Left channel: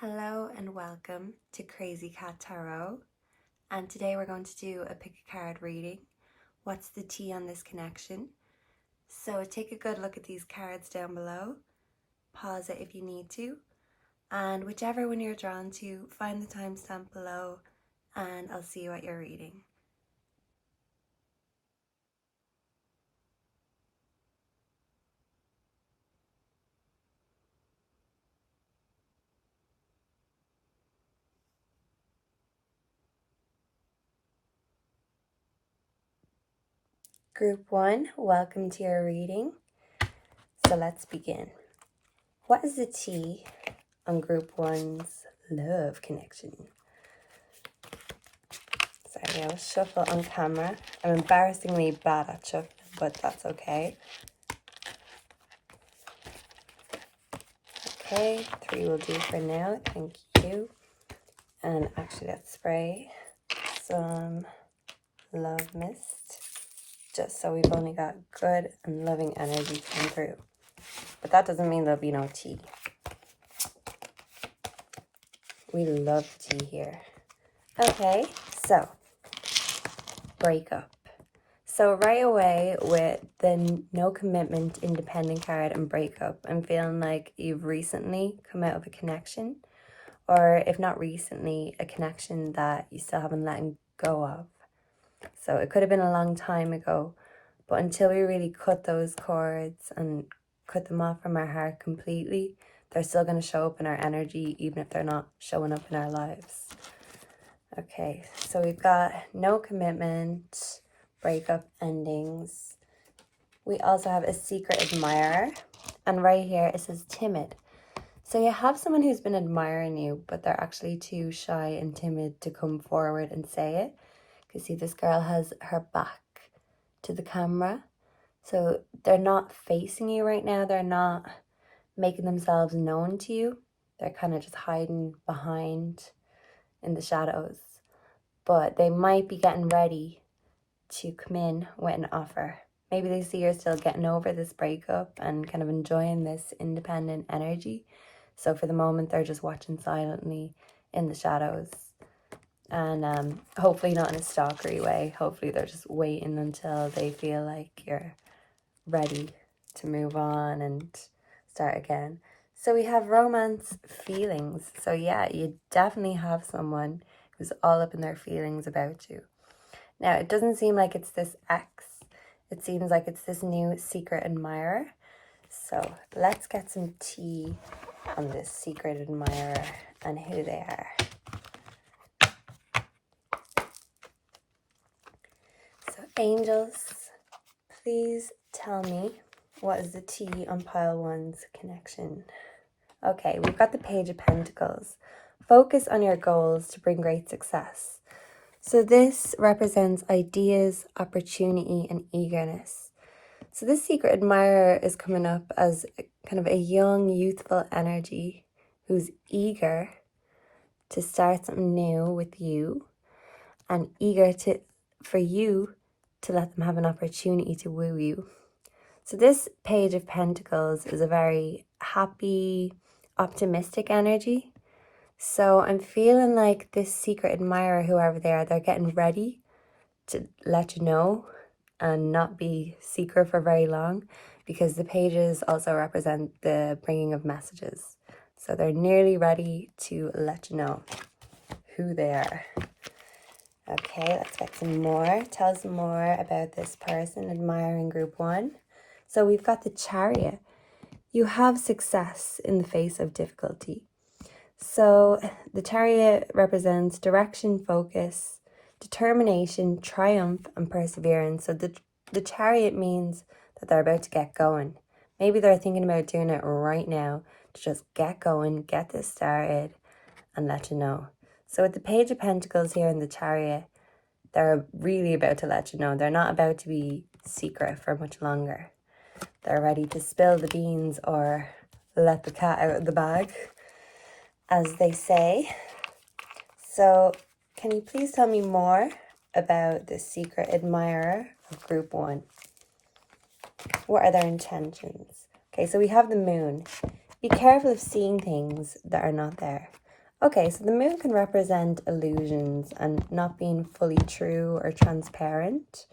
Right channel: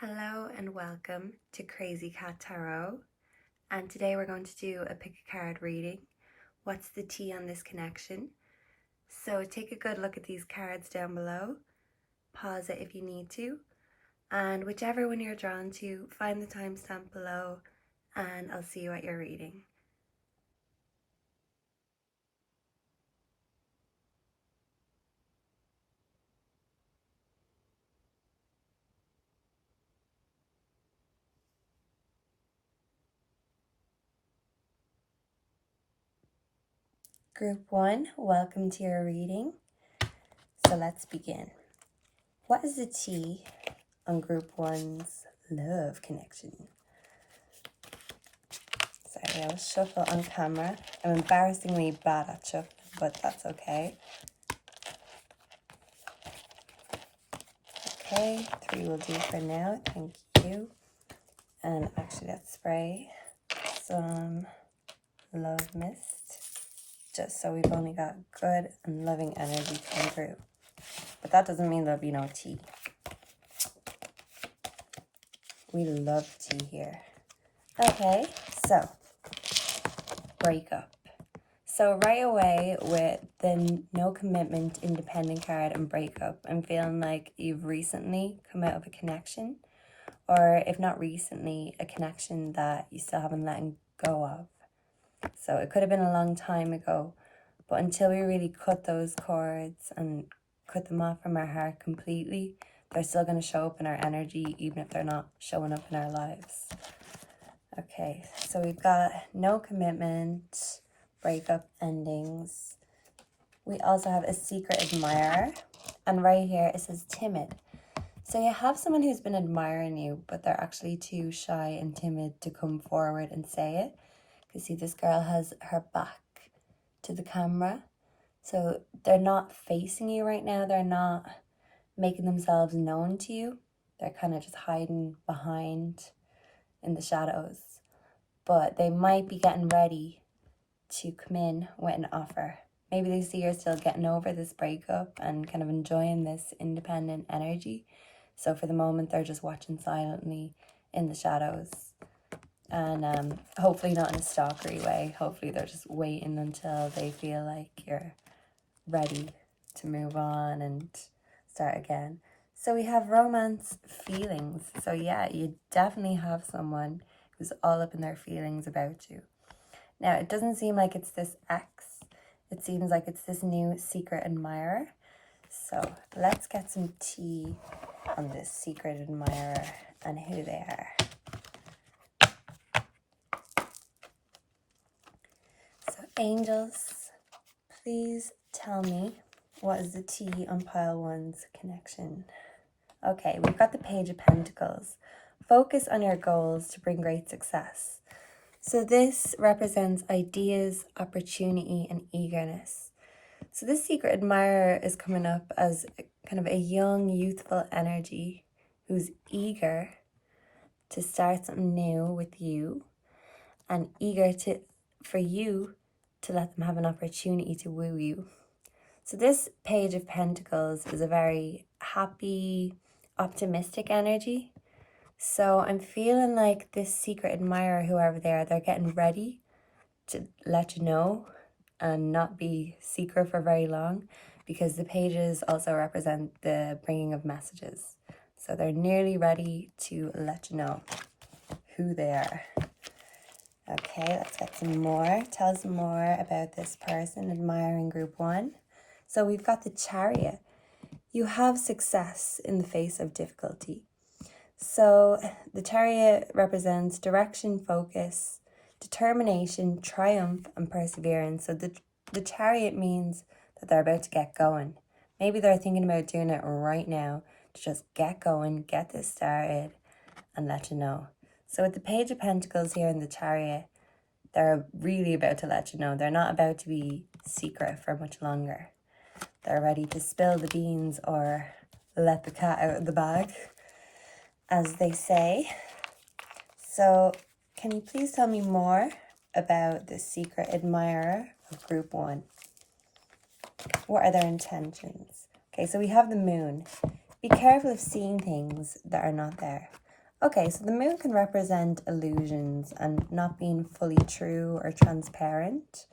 Hello and welcome to Crazy Cat Tarot, and today we're going to do a pick a card reading. What's the tea on this connection? So take a good look at these cards down below, pause it if you need to, and whichever one you're drawn to, find the timestamp below and I'll see you at your reading. Group 1, welcome to your reading. So let's begin. What is the tea on Group 1's love connection? Sorry, I'll shuffle on camera. I'm embarrassingly bad at shuffling, but that's okay. Okay, 3 will do for now, thank you. And actually let's spray some love mist, just so we've only got good and loving energy coming through. But that doesn't mean there'll be no tea. We love tea here. Okay, so breakup. So right away with the no commitment, independent card and breakup, I'm feeling like you've recently come out of a connection, or if not recently, a connection that you still haven't let go of. So it could have been a long time ago, but until we really cut those cords and cut them off from our heart completely, they're still going to show up in our energy, even if they're not showing up in our lives. Okay, so we've got no commitment, breakup, endings. We also have a secret admirer, and right here it says timid. So you have someone who's been admiring you, but they're actually too shy and timid to come forward and say it. You see, this girl has her back to the camera, so they're not facing you right now. They're not making themselves known to you. They're kind of just hiding behind in the shadows, but they might be getting ready to come in with an offer. Maybe they see you're still getting over this breakup and kind of enjoying this independent energy. So for the moment, they're just watching silently in the shadows. And hopefully not in a stalkery way. Hopefully they're just waiting until they feel like you're ready to move on and start again. So we have romance feelings. So yeah, you definitely have someone who's all up in their feelings about you. Now, it doesn't seem like it's this ex. It seems like it's this new secret admirer. So let's get some tea on this secret admirer and who they are. So angels, please tell me, what is the tea on pile 1's connection? Okay, we've got the Page of Pentacles. Focus on your goals to bring great success. So this represents ideas, opportunity, and eagerness. So this secret admirer is coming up as kind of a young, youthful energy who's eager to start something new with you and eager for you to let them have an opportunity to woo you. So this Page of Pentacles is a very happy, optimistic energy. So I'm feeling like this secret admirer, whoever they are, they're getting ready to let you know and not be secret for very long, because the pages also represent the bringing of messages. So they're nearly ready to let you know who they are. Okay, let's get some more. Tell us more about this person admiring Group 1. So we've got the Chariot. You have success in the face of difficulty. So the Chariot represents direction, focus, determination, triumph, and perseverance. So the Chariot means that they're about to get going. Maybe they're thinking about doing it right now to just get going, get this started, and let you know. So with the Page of Pentacles here in the Chariot, they're really about to let you know. They're not about to be secret for much longer. They're ready to spill the beans or let the cat out of the bag, as they say. So can you please tell me more about this secret admirer of Group 1? What are their intentions? Okay, so we have the Moon. Be careful of seeing things that are not there. Okay, so the moon can represent illusions and not being fully true or transparent.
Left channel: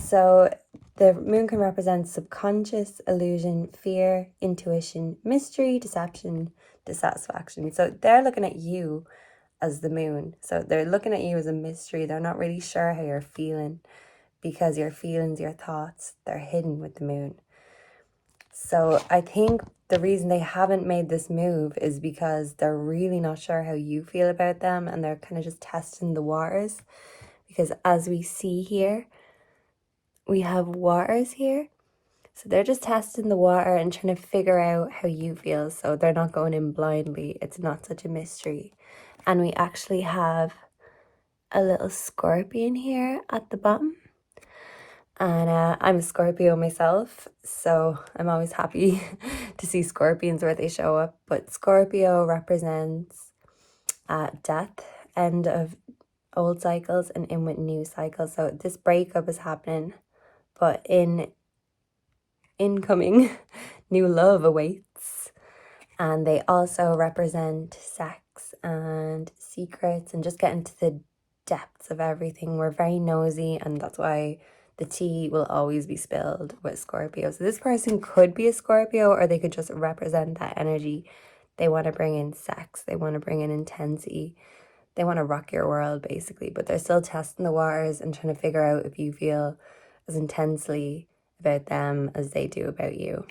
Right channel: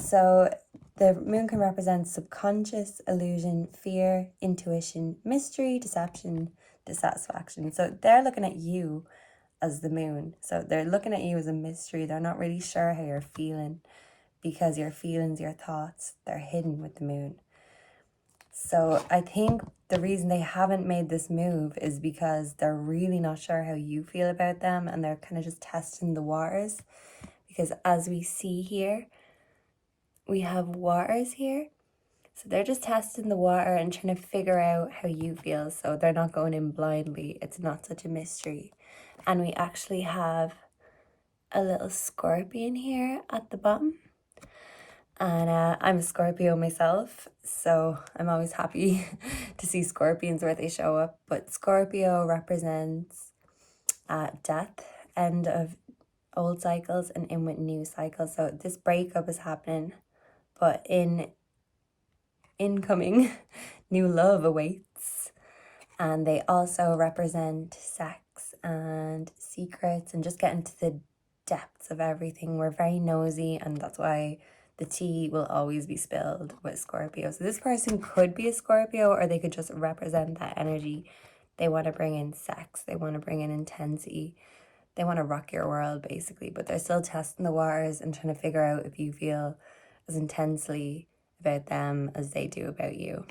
So the moon can represent subconscious, illusion, fear, intuition, mystery, deception, dissatisfaction. So they're looking at you as the moon. So they're looking at you as a mystery. They're not really sure how you're feeling because your feelings, your thoughts, they're hidden with the moon. So I think the reason they haven't made this move is because they're really not sure how you feel about them, and they're kind of just testing the waters. Because as we see here, we have waters here. So they're just testing the water and trying to figure out how you feel. So they're not going in blindly. It's not such a mystery. And we actually have a little scorpion here at the bottom. And I'm a Scorpio myself, so I'm always happy to see scorpions where they show up. But Scorpio represents death, end of old cycles and in with new cycles. So this breakup is happening, but incoming new love awaits. And they also represent sex and secrets and just getting to the depths of everything. We're very nosy, and that's why the tea will always be spilled with Scorpio. So this person could be a Scorpio, or they could just represent that energy. They want to bring in sex. They want to bring in intensity. They want to rock your world, basically. But they're still testing the waters and trying to figure out if you feel as intensely about them as they do about you.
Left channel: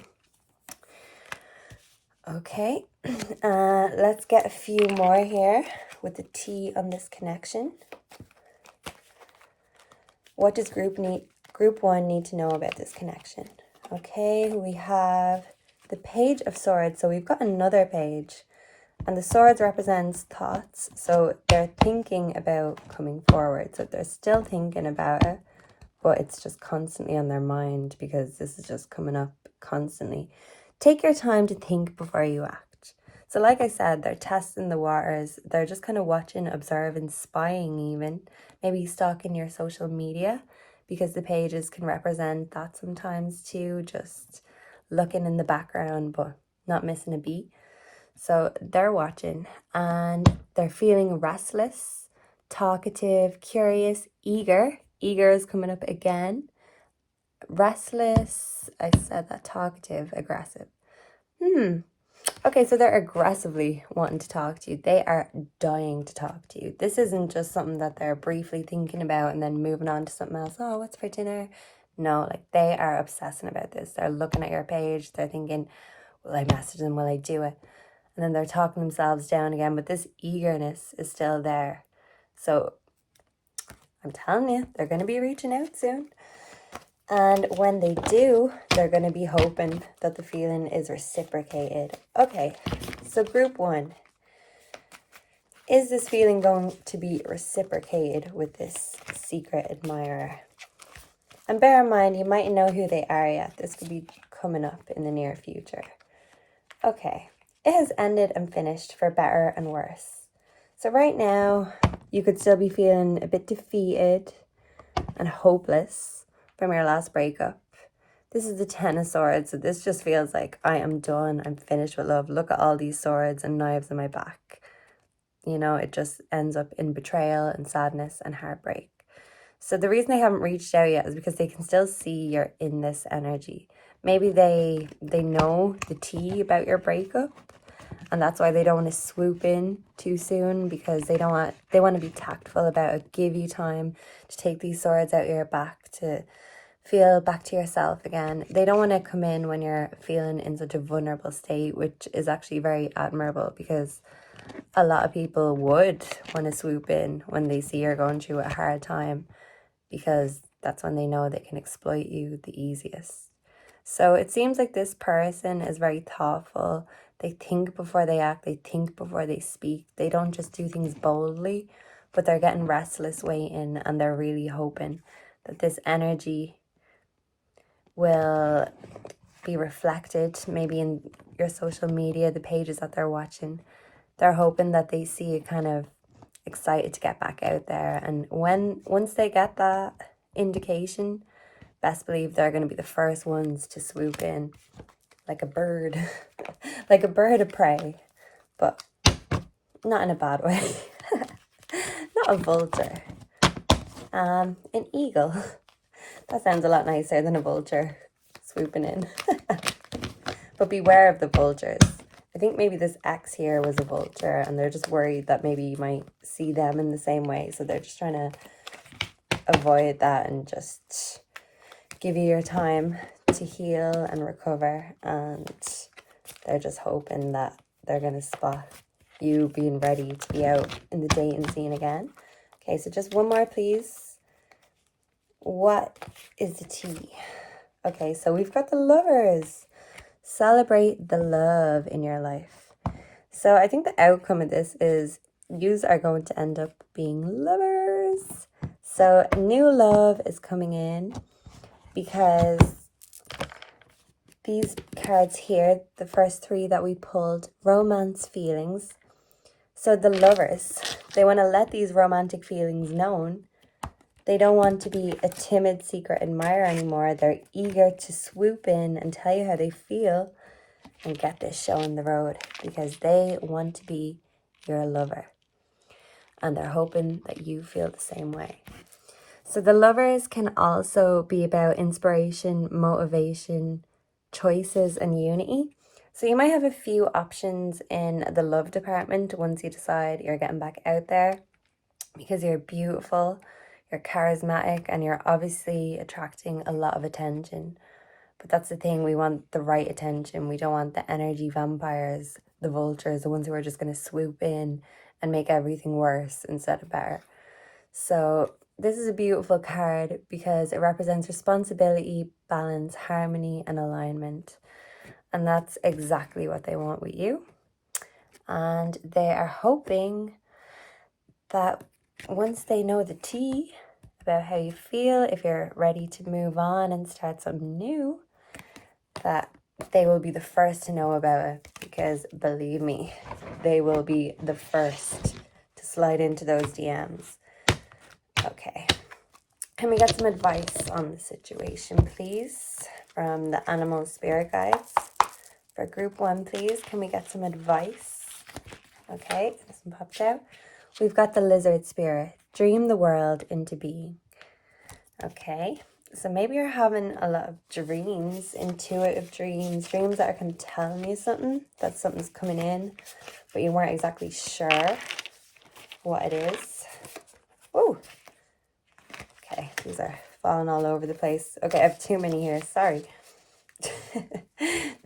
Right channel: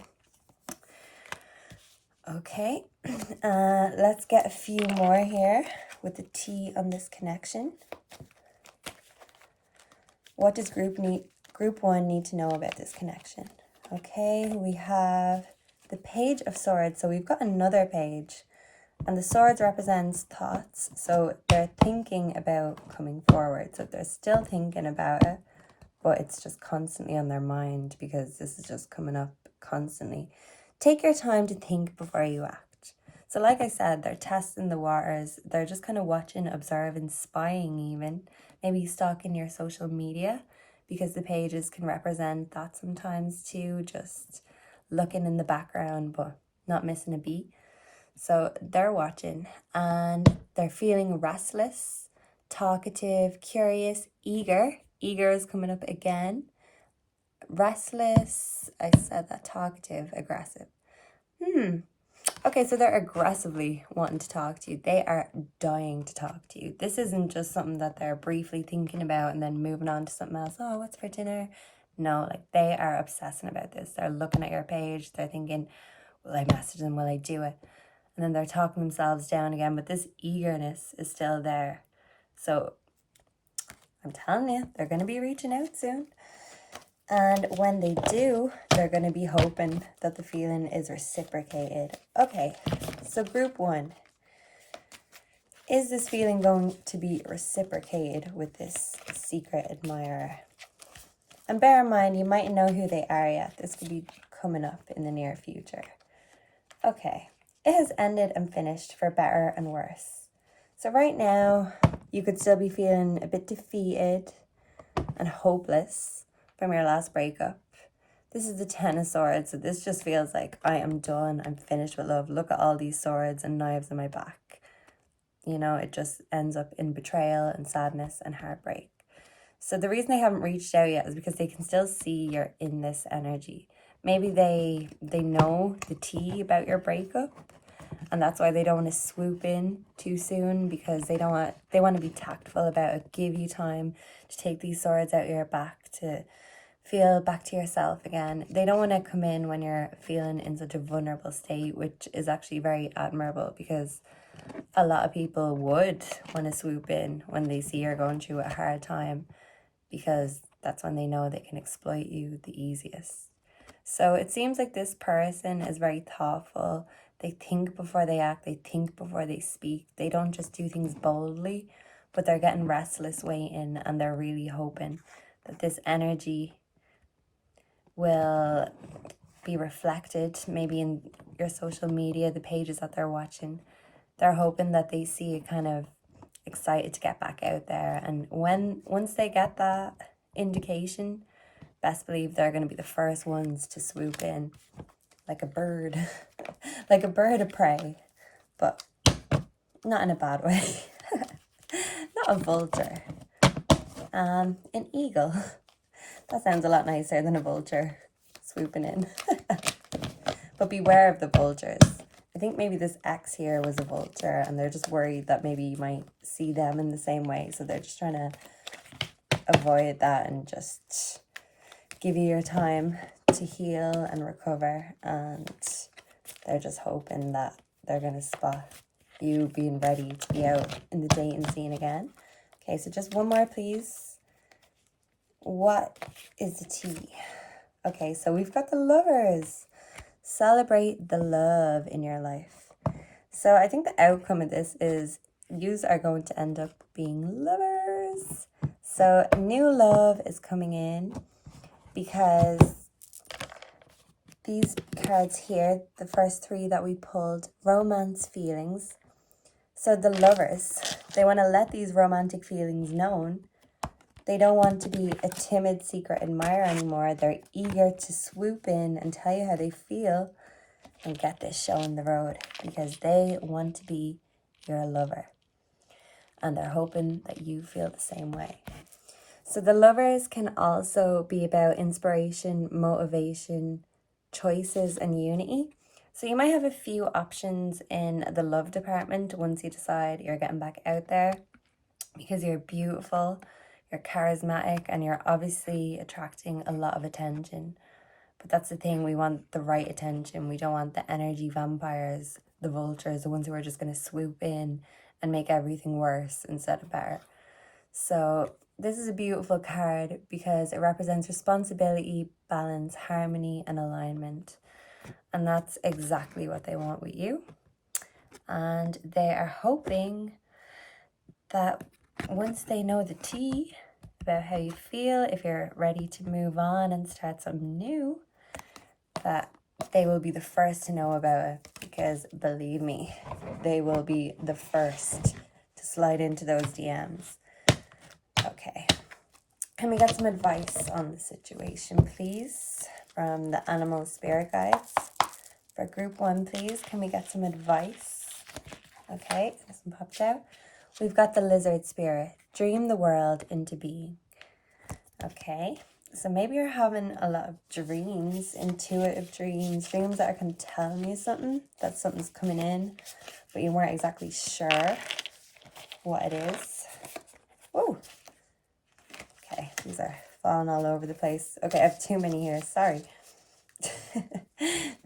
Okay, let's get a few more here with the tea on this connection. What does group 1 need to know about this connection? Okay, we have the Page of Swords. So we've got another page, and the swords represents thoughts. So they're thinking about coming forward. So they're still thinking about it, but it's just constantly on their mind because this is just coming up constantly. Take your time to think before you act. So like I said, they're testing the waters. They're just kind of watching, observing, spying even. Maybe stalking your social media, because the pages can represent that sometimes too. Just looking in the background but not missing a beat. So they're watching and they're feeling restless, talkative, curious, eager. Eager is coming up again. Restless, I said that, talkative, aggressive. Okay, so they're aggressively wanting to talk to you. They are dying to talk to you. This isn't just something that they're briefly thinking about and then moving on to something else. Oh, what's for dinner? No, like they are obsessing about this. They're looking at your page. They're thinking, will I message them? Will I do it? And then they're talking themselves down again. But this eagerness is still there. So I'm telling you, they're going to be reaching out soon. And when they do, they're going to be hoping that the feeling is reciprocated. Okay, so group 1. Is this feeling going to be reciprocated with this secret admirer? And bear in mind, you might know who they are yet. This could be coming up in the near future. Okay, it has ended and finished for better and worse. So right now, you could still be feeling a bit defeated and hopeless from your last breakup. This is the 10 of Swords, so this just feels like I am done, I'm finished with love. Look at all these swords and knives on my back. You know, it just ends up in betrayal and sadness and heartbreak. So the reason they haven't reached out yet is because they can still see you're in this energy. Maybe they know the tea about your breakup, and that's why they don't want to swoop in too soon, because they want to be tactful about it, give you time to take these swords out of your back, to feel back to yourself again. They don't want to come in when you're feeling in such a vulnerable state, which is actually very admirable, because a lot of people would want to swoop in when they see you're going through a hard time, because that's when they know they can exploit you the easiest. So it seems like this person is very thoughtful. They think before they act. They think before they speak. They don't just do things boldly, but they're getting restless waiting, and they're really hoping that this energy will be reflected maybe in your social media, the pages that they're watching. They're hoping that they see you kind of excited to get back out there. And once they get that indication, best believe they're going to be the first ones to swoop in like a bird, like a bird of prey. But not in a bad way. Not a vulture. An eagle. That sounds a lot nicer than a vulture swooping in. But beware of the vultures. I think maybe this X here was a vulture and they're just worried that maybe you might see them in the same way. So they're just trying to avoid that and just give you your time to heal and recover. And they're just hoping that they're going to spot you being ready to be out in the dating scene again. Okay, so just one more, please. What is the T? Okay, so we've got the Lovers. Celebrate the love in your life. So I think the outcome of this is yous are going to end up being lovers. So new love is coming in because these cards here, the first three that we pulled, romance feelings. So the Lovers, they want to let these romantic feelings known. They don't want to be a timid secret admirer anymore. They're eager to swoop in and tell you how they feel and get this show on the road because they want to be your lover. And they're hoping that you feel the same way. So the Lovers can also be about inspiration, motivation, choices, and unity. So you might have a few options in the love department once you decide you're getting back out there because you're beautiful, you're charismatic, and you're obviously attracting a lot of attention. But that's the thing, we want the right attention. We don't want the energy vampires, the vultures, the ones who are just going to swoop in and make everything worse instead of better. So this is a beautiful card because it represents responsibility, balance, harmony, and alignment. And that's exactly what they want with you. And they are hoping that once they know the tea about how you feel, if you're ready to move on and start something new, that they will be the first to know about it. Because believe me, they will be the first to slide into those DMs. Okay. Can we get some advice on the situation, please? From the animal spirit guides. For group 1, please. Can we get some advice? Okay, this one popped out. We've got the lizard spirit. Dream the world into being. Okay, so maybe you're having a lot of dreams, intuitive dreams, dreams that are going to tell you something, that something's coming in, but you weren't exactly sure what it is. Oh, okay, these are falling all over the place. Okay, I have too many here, sorry.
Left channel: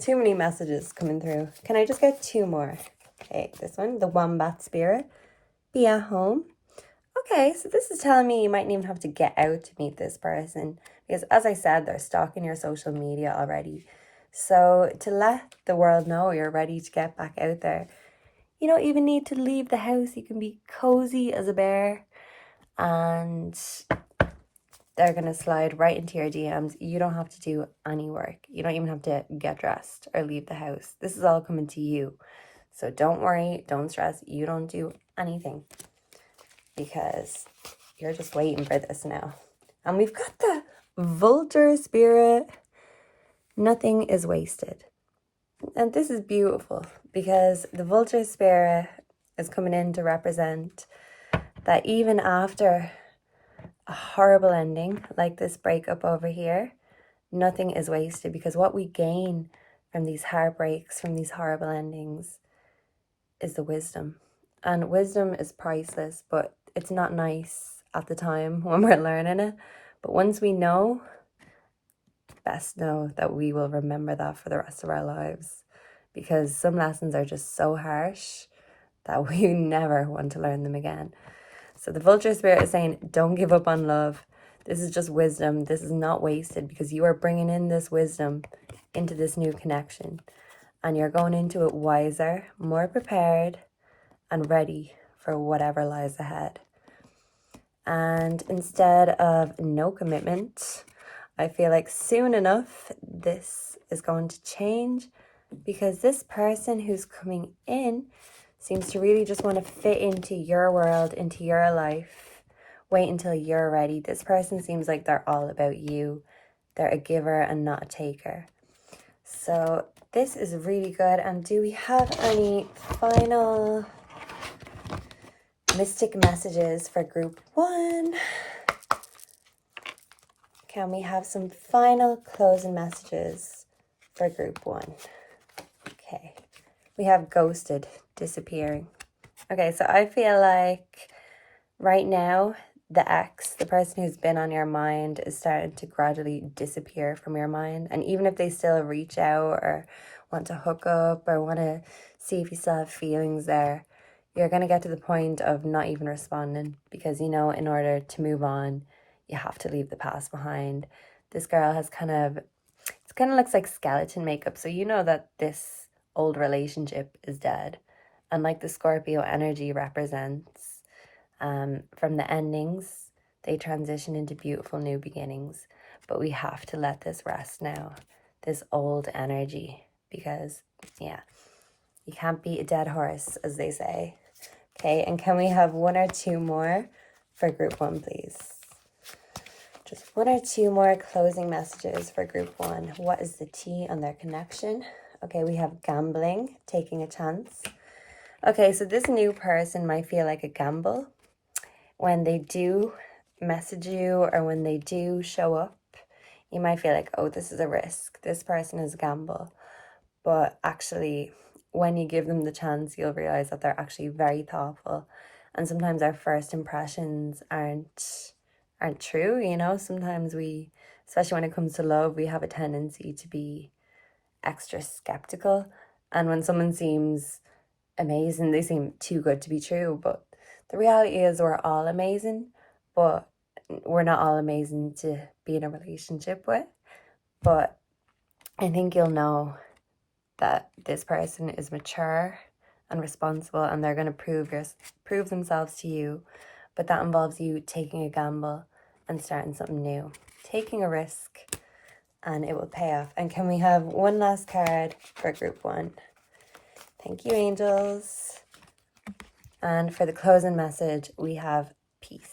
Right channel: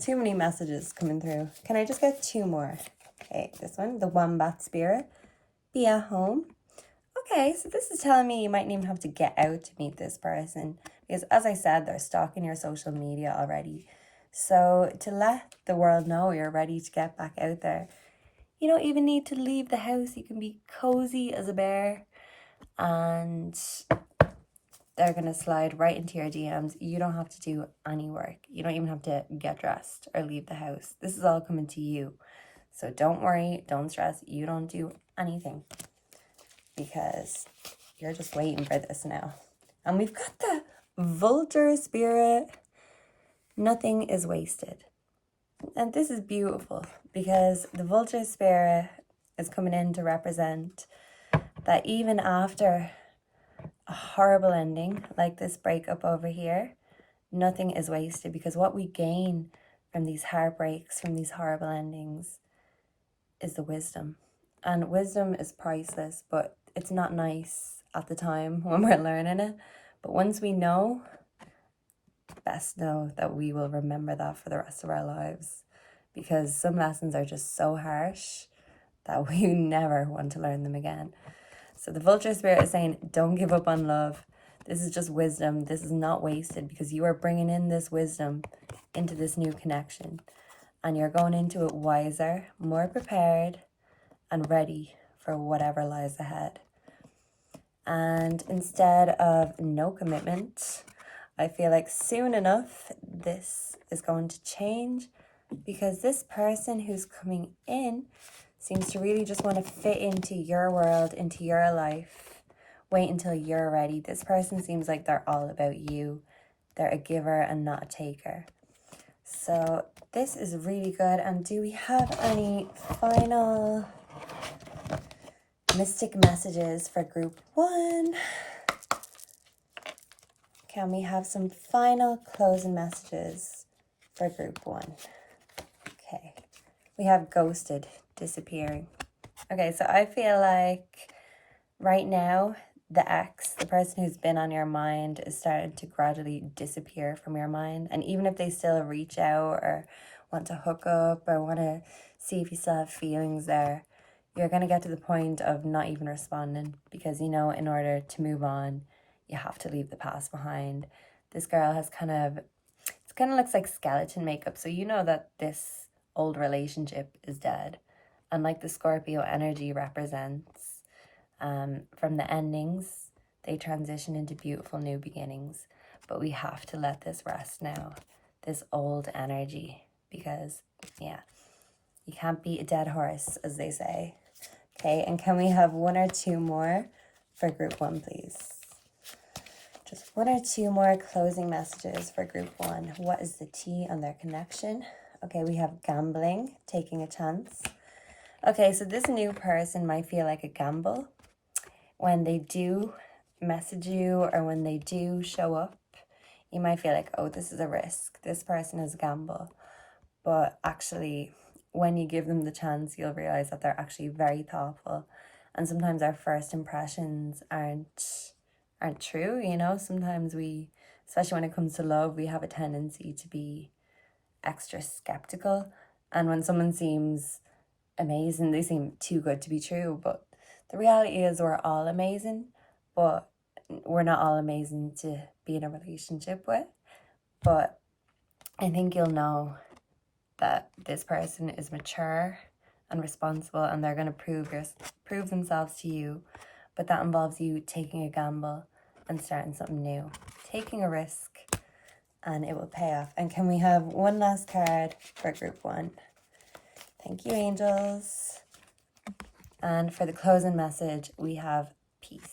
Too many messages coming through. Can I just get 2 more? Okay, this one, the wombat spirit. Be at home. Okay, so this is telling me you mightn't even have to get out to meet this person. Because as I said, they're stalking your social media already. So to let the world know you're ready to get back out there, you don't even need to leave the house. You can be cozy as a bear. And they're going to slide right into your DMs. You don't have to do any work. You don't even have to get dressed or leave the house. This is all coming to you. So don't worry, don't stress. You don't do anything because you're just waiting for this now. And we've got the vulture spirit. Nothing is wasted. And this is beautiful because the vulture spirit is coming in to represent that even after a horrible ending like this breakup over here, nothing is wasted because what we gain from these heartbreaks, from these horrible endings, is the wisdom. And wisdom is priceless, but it's not nice at the time when we're learning it. But once we know, best know that we will remember that for the rest of our lives, because some lessons are just so harsh that we never want to learn them again. So the vulture spirit is saying, don't give up on love. This is just wisdom. This is not wasted because you are bringing in this wisdom into this new connection. And you're going into it wiser, more prepared, and ready for whatever lies ahead. And instead of no commitment, I feel like soon enough, this is going to change because this person who's coming in seems to really just want to fit into your world, into your life. Wait until you're ready. This person seems like they're all about you. They're a giver and not a taker. So this is really good. And do we have any final Mystic messages for group 1. Can we have some final closing messages for group 1? Okay. We have ghosted, disappearing. Okay, so I feel like right now, the ex, the person who's been on your mind, is starting to gradually disappear from your mind. And even if they still reach out or want to hook up or want to see if you still have feelings there, you're going to get to the point of not even responding because, you know, in order to move on, you have to leave the past behind. This girl has kind of looks like skeleton makeup. So you know that this old relationship is dead. And like the Scorpio energy represents, from the endings, they transition into beautiful new beginnings. But we have to let this rest now, this old energy, because, yeah, you can't beat a dead horse, as they say. Okay, and can we have 1 or 2 more for group 1, please? Just 1 or 2 more closing messages for group 1. What is the T on their connection? Okay, we have gambling, taking a chance. Okay, so this new person might feel like a gamble. When they do message you or when they do show up, you might feel like, oh, this is a risk. This person is a gamble. But actually, when you give them the chance, you'll realize that they're actually very thoughtful. And sometimes our first impressions aren't true, you know? Sometimes we, especially when it comes to love, we have a tendency to be extra skeptical. And when someone seems amazing, they seem too good to be true. But the reality is we're all amazing, but we're not all amazing to be in a relationship with. But I think you'll know that this person is mature and responsible, and they're going to prove themselves to you. But that involves you taking a gamble and starting something new, taking a risk, and it will pay off. And can we have 1 last card for group 1? Thank you, angels. And for the closing message, we have peace.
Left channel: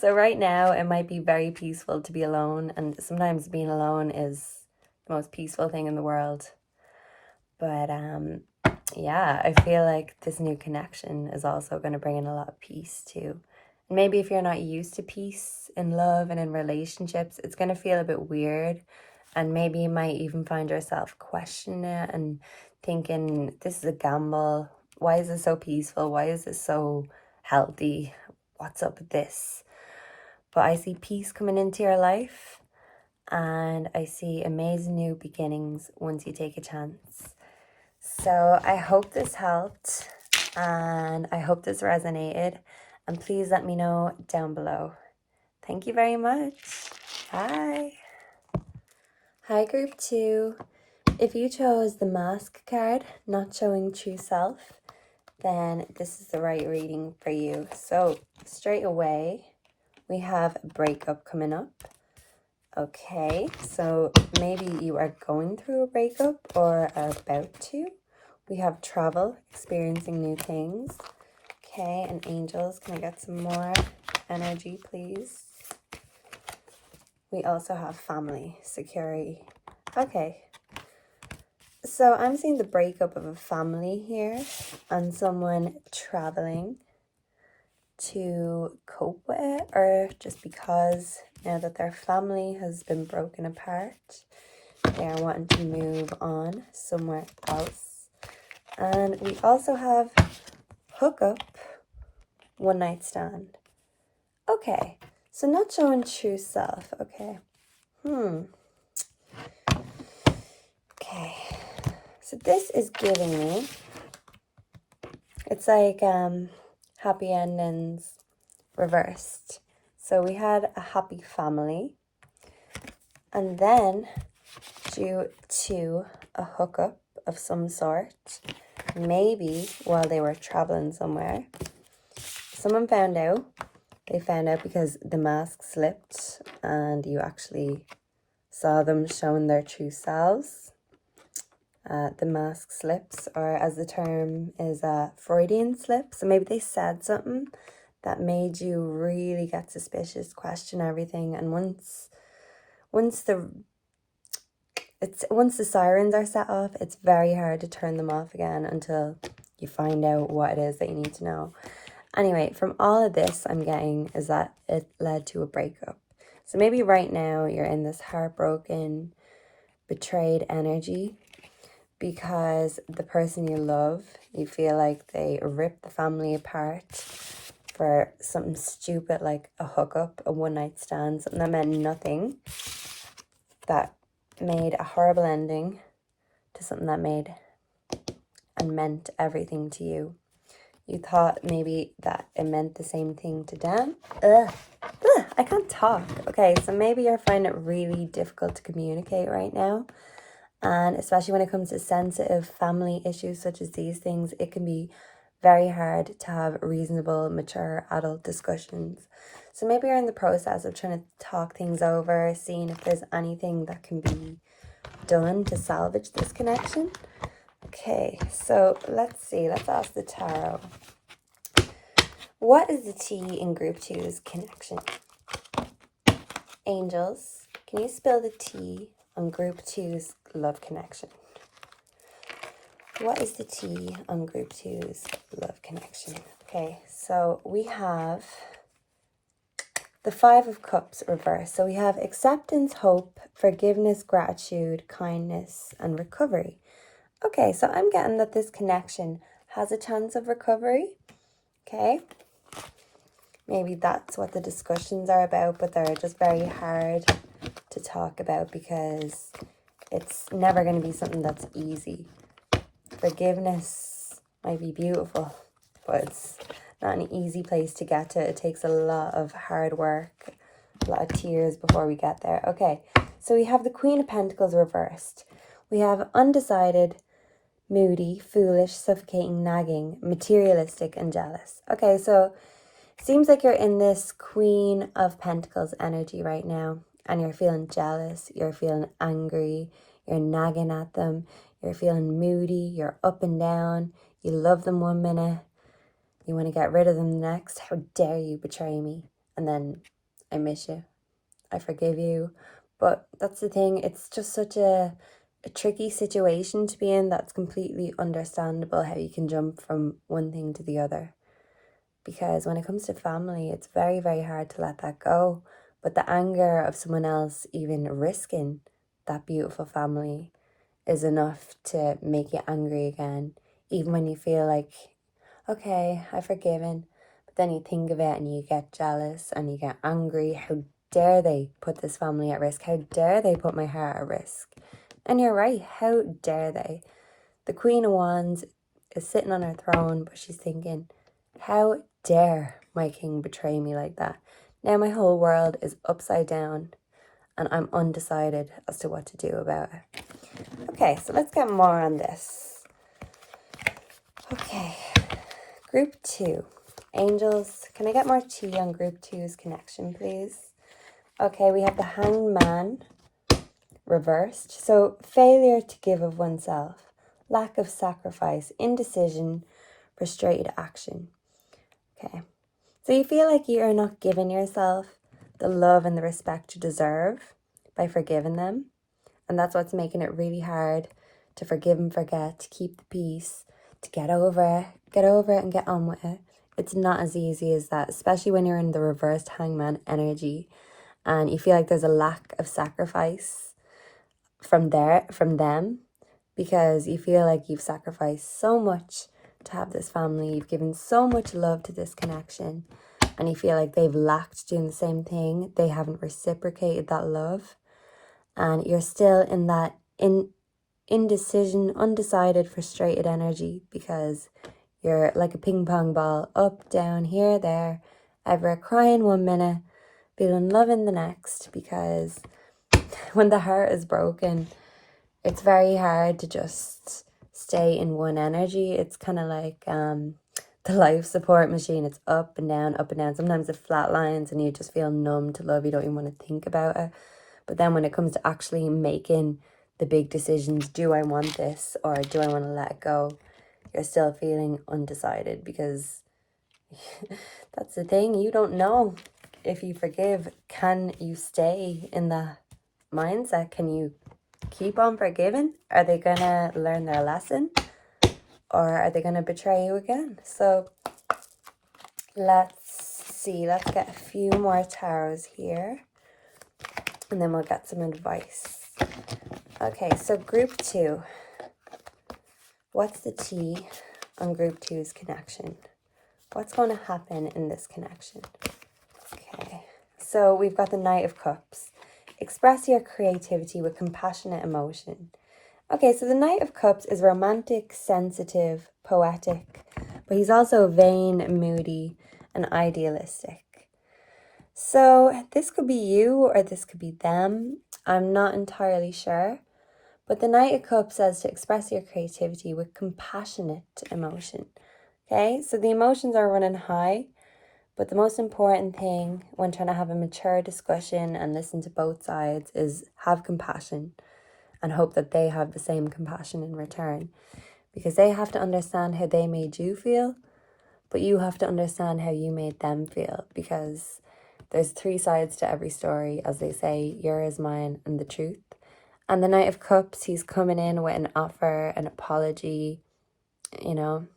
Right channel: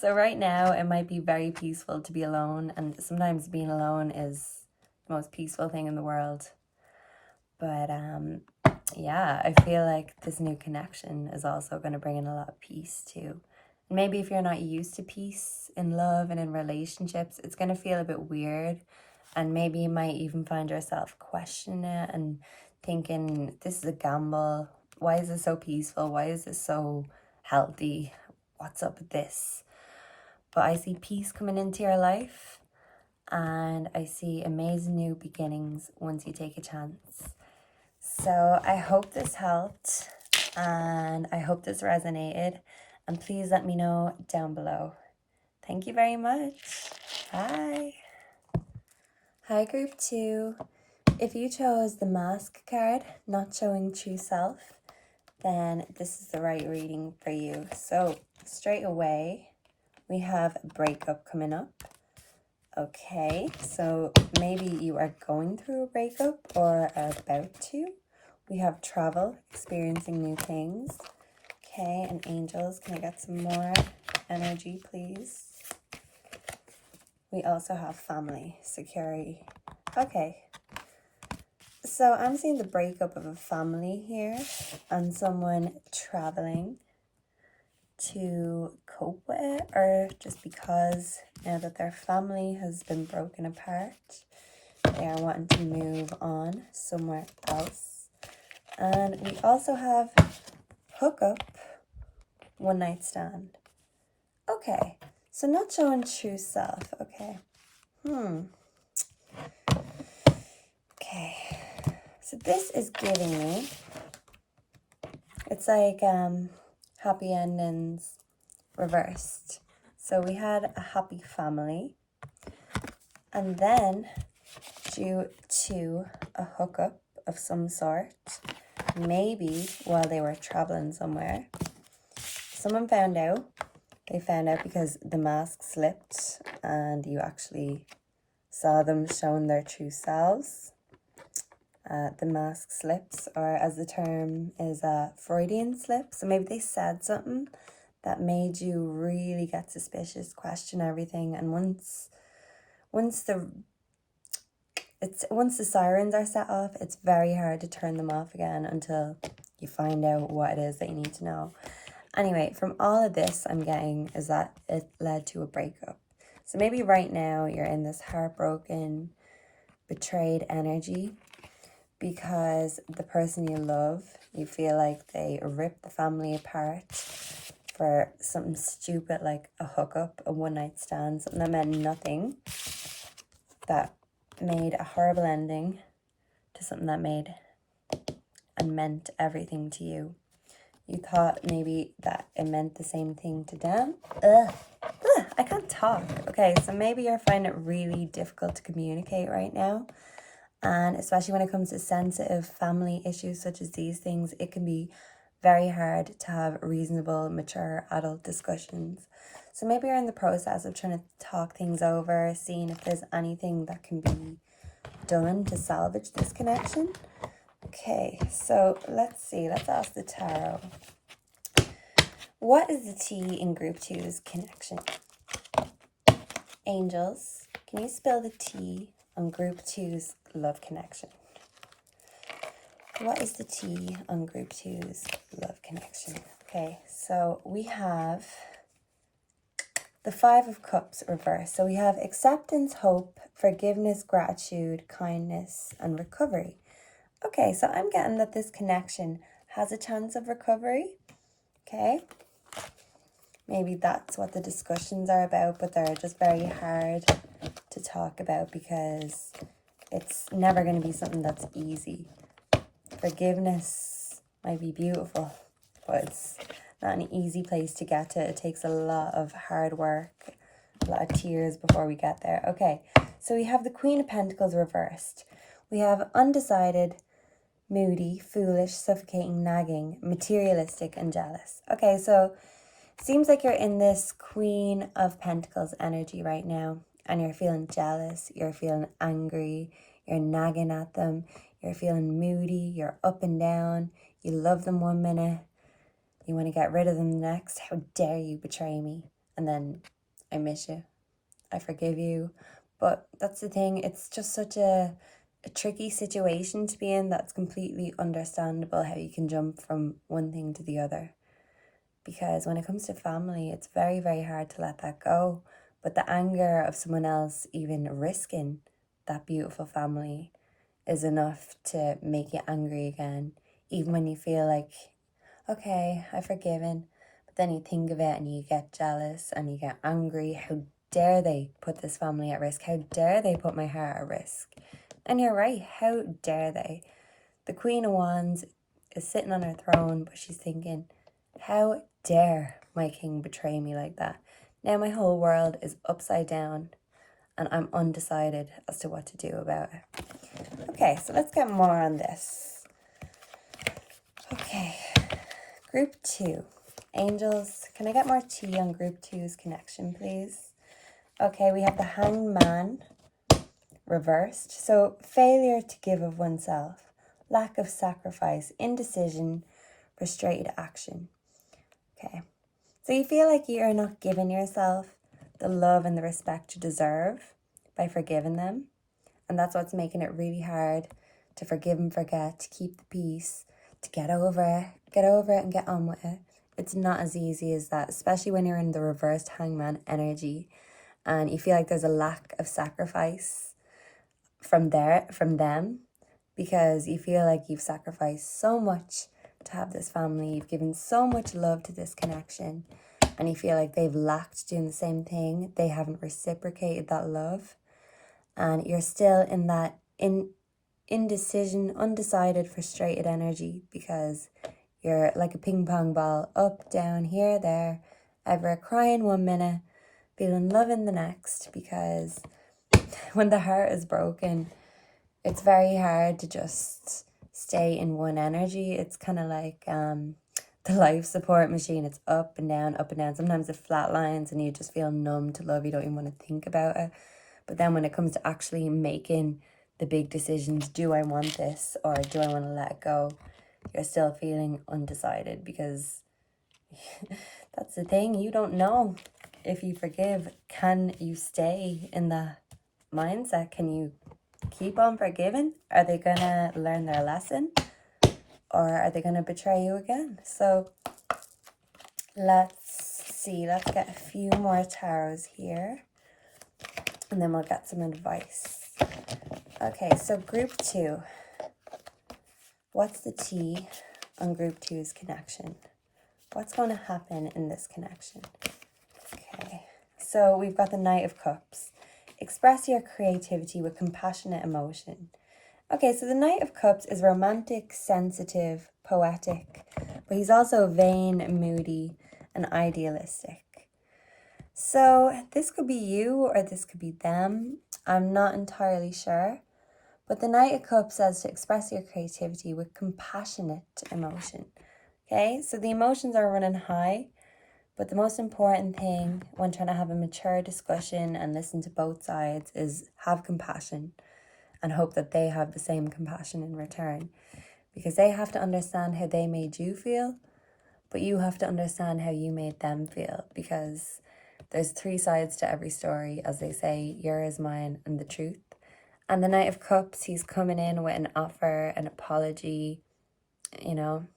So right now, it might be very peaceful to be alone, and sometimes being alone is the most peaceful thing in the world. But yeah, I feel like this new connection is also going to bring in a lot of peace too. And maybe if you're not used to peace in love and in relationships, it's going to feel a bit weird. And maybe you might even find yourself questioning it and thinking, this is a gamble. Why is this so peaceful? Why is this so healthy? What's up with this? But I see peace coming into your life. And I see amazing new beginnings once you take a chance. So I hope this helped. And I hope this resonated. And please let me know down below. Thank you very much. Bye. Hi, group 2. If you chose the Mask card, not showing true self, then this is the right reading for you. So straight away, we have a breakup coming up. Okay, so maybe you are going through a breakup or are about to. We have travel, experiencing new things. Okay, and angels, can I get some more energy, please? We also have family, security. Okay, so I'm seeing the breakup of a family here and someone traveling to cope with it, or just because now that their family has been broken apart, they're wanting to move on somewhere else. And we also have hookup, 1 night stand. Okay, so not showing true self. Okay. Okay, so this is giving me, it's like happy endings reversed. So we had a happy family, and then due to a hookup of some sort, maybe while they were traveling somewhere, someone found out. They found out because the mask slipped and you actually saw them showing their true selves. The mask slips, or as the term is, Freudian slip. So maybe they said something that made you really get suspicious, question everything. And once it's once the sirens are set off, it's very hard to turn them off again until you find out what it is that you need to know. Anyway, from all of this I'm getting is that it led to a breakup. So maybe right now you're in this heartbroken, betrayed energy because the person you love, you feel like they ripped the family apart for something stupid like a hookup, a one-night stand, something that meant nothing, that made a horrible ending to something that made and meant everything to you. You thought maybe that it meant the same thing to them. I can't talk. Okay, so maybe you're finding it really difficult to communicate right now. And especially when it comes to sensitive family issues such as these things, it can be very hard to have reasonable, mature adult discussions. So maybe you're in the process of trying to talk things over, seeing if there's anything that can be done to salvage this connection. Okay, so let's see. Let's ask the tarot. What is the T in group 2's connection? Angels, can you spell the T on group 2's love connection? What is the T on group 2's love connection? Okay, so we have the 5 of Cups reversed. So we have acceptance, hope, forgiveness, gratitude, kindness, and recovery. Okay, so I'm getting that this connection has a chance of recovery. Okay, maybe that's what the discussions are about, but they're just very hard to talk about because it's never going to be something that's easy. Forgiveness might be beautiful, but it's not an easy place to get to. It takes a lot of hard work, a lot of tears before we get there. Okay, so we have the Queen of Pentacles reversed. We have undecided, moody, foolish, suffocating, nagging, materialistic, and jealous. Okay, so seems like you're in this Queen of Pentacles energy right now, and you're feeling jealous, you're feeling angry, you're nagging at them, you're feeling moody, you're up and down, you love them one minute, you want to get rid of them the next. How dare you betray me? And then, I miss you, I forgive you. But that's the thing, it's just such a tricky situation to be in. That's completely understandable how you can jump from one thing to the other. Because when it comes to family, it's very, very hard to let that go. But the anger of someone else even risking that beautiful family is enough to make you angry again. Even when you feel like, okay, I've forgiven. But then you think of it and you get jealous and you get angry. How dare they put this family at risk? How dare they put my heart at risk? And you're right, how dare they? The Queen of Wands is sitting on her throne, but she's thinking, how dare my king betray me like that? Now my whole world is upside down and I'm undecided as to what to do about it. Okay, so let's get more on this. Okay, group 2. Angels, can I get more tea on group 2's connection, please? Okay, we have the Hanged Man reversed. So failure to give of oneself, lack of sacrifice, indecision, frustrated action. Okay, so you feel like you are not giving yourself the love and the respect you deserve by forgiving them. And that's what's making it really hard to forgive and forget, to keep the peace, to get over it and get on with it. It's not as easy as that, especially when you're in the reversed hangman energy and you feel like there's a lack of sacrifice from them, because you feel like you've sacrificed so much to have this family, you've given so much love to this connection, and you feel like they've lacked doing the same thing. They haven't reciprocated that love, and you're still in that indecision, undecided, frustrated energy, because you're like a ping pong ball, up, down, here, there, ever crying one minute, feeling love in the next, because when the heart is broken, it's very hard to just stay in one energy. It's kind of like the life support machine. It's up and down, up and down. Sometimes it flatlines and you just feel numb to love. You don't even want to think about it. But then when it comes to actually making the big decisions, do I want this or do I want to let it go? You're still feeling undecided, because that's the thing. You don't know if you forgive. Can you stay in the mindset? Can you keep on forgiving? Are they going to learn their lesson? Or are they going to betray you again? So let's see. Let's get a few more tarots here. And then we'll get some advice. Okay, so group 2. What's the T on group 2's connection? What's going to happen in this connection? Okay, so we've got the Knight of Cups. Express your creativity with compassionate emotion. Okay, so the Knight of Cups is romantic, sensitive, poetic, but he's also vain, moody, and idealistic. So this could be you or this could be them. I'm not entirely sure. But the Knight of Cups says to express your creativity with compassionate emotion. Okay, so the emotions are running high, but the most important thing when trying to have a mature discussion and listen to both sides is have compassion and hope that they have the same compassion in return. Because they have to understand how they made you feel, but you have to understand how you made them feel. Because there's 3 sides to every story, as they say, yours, mine, and the truth. And the Knight of Cups, he's coming in with an offer, an apology, you know,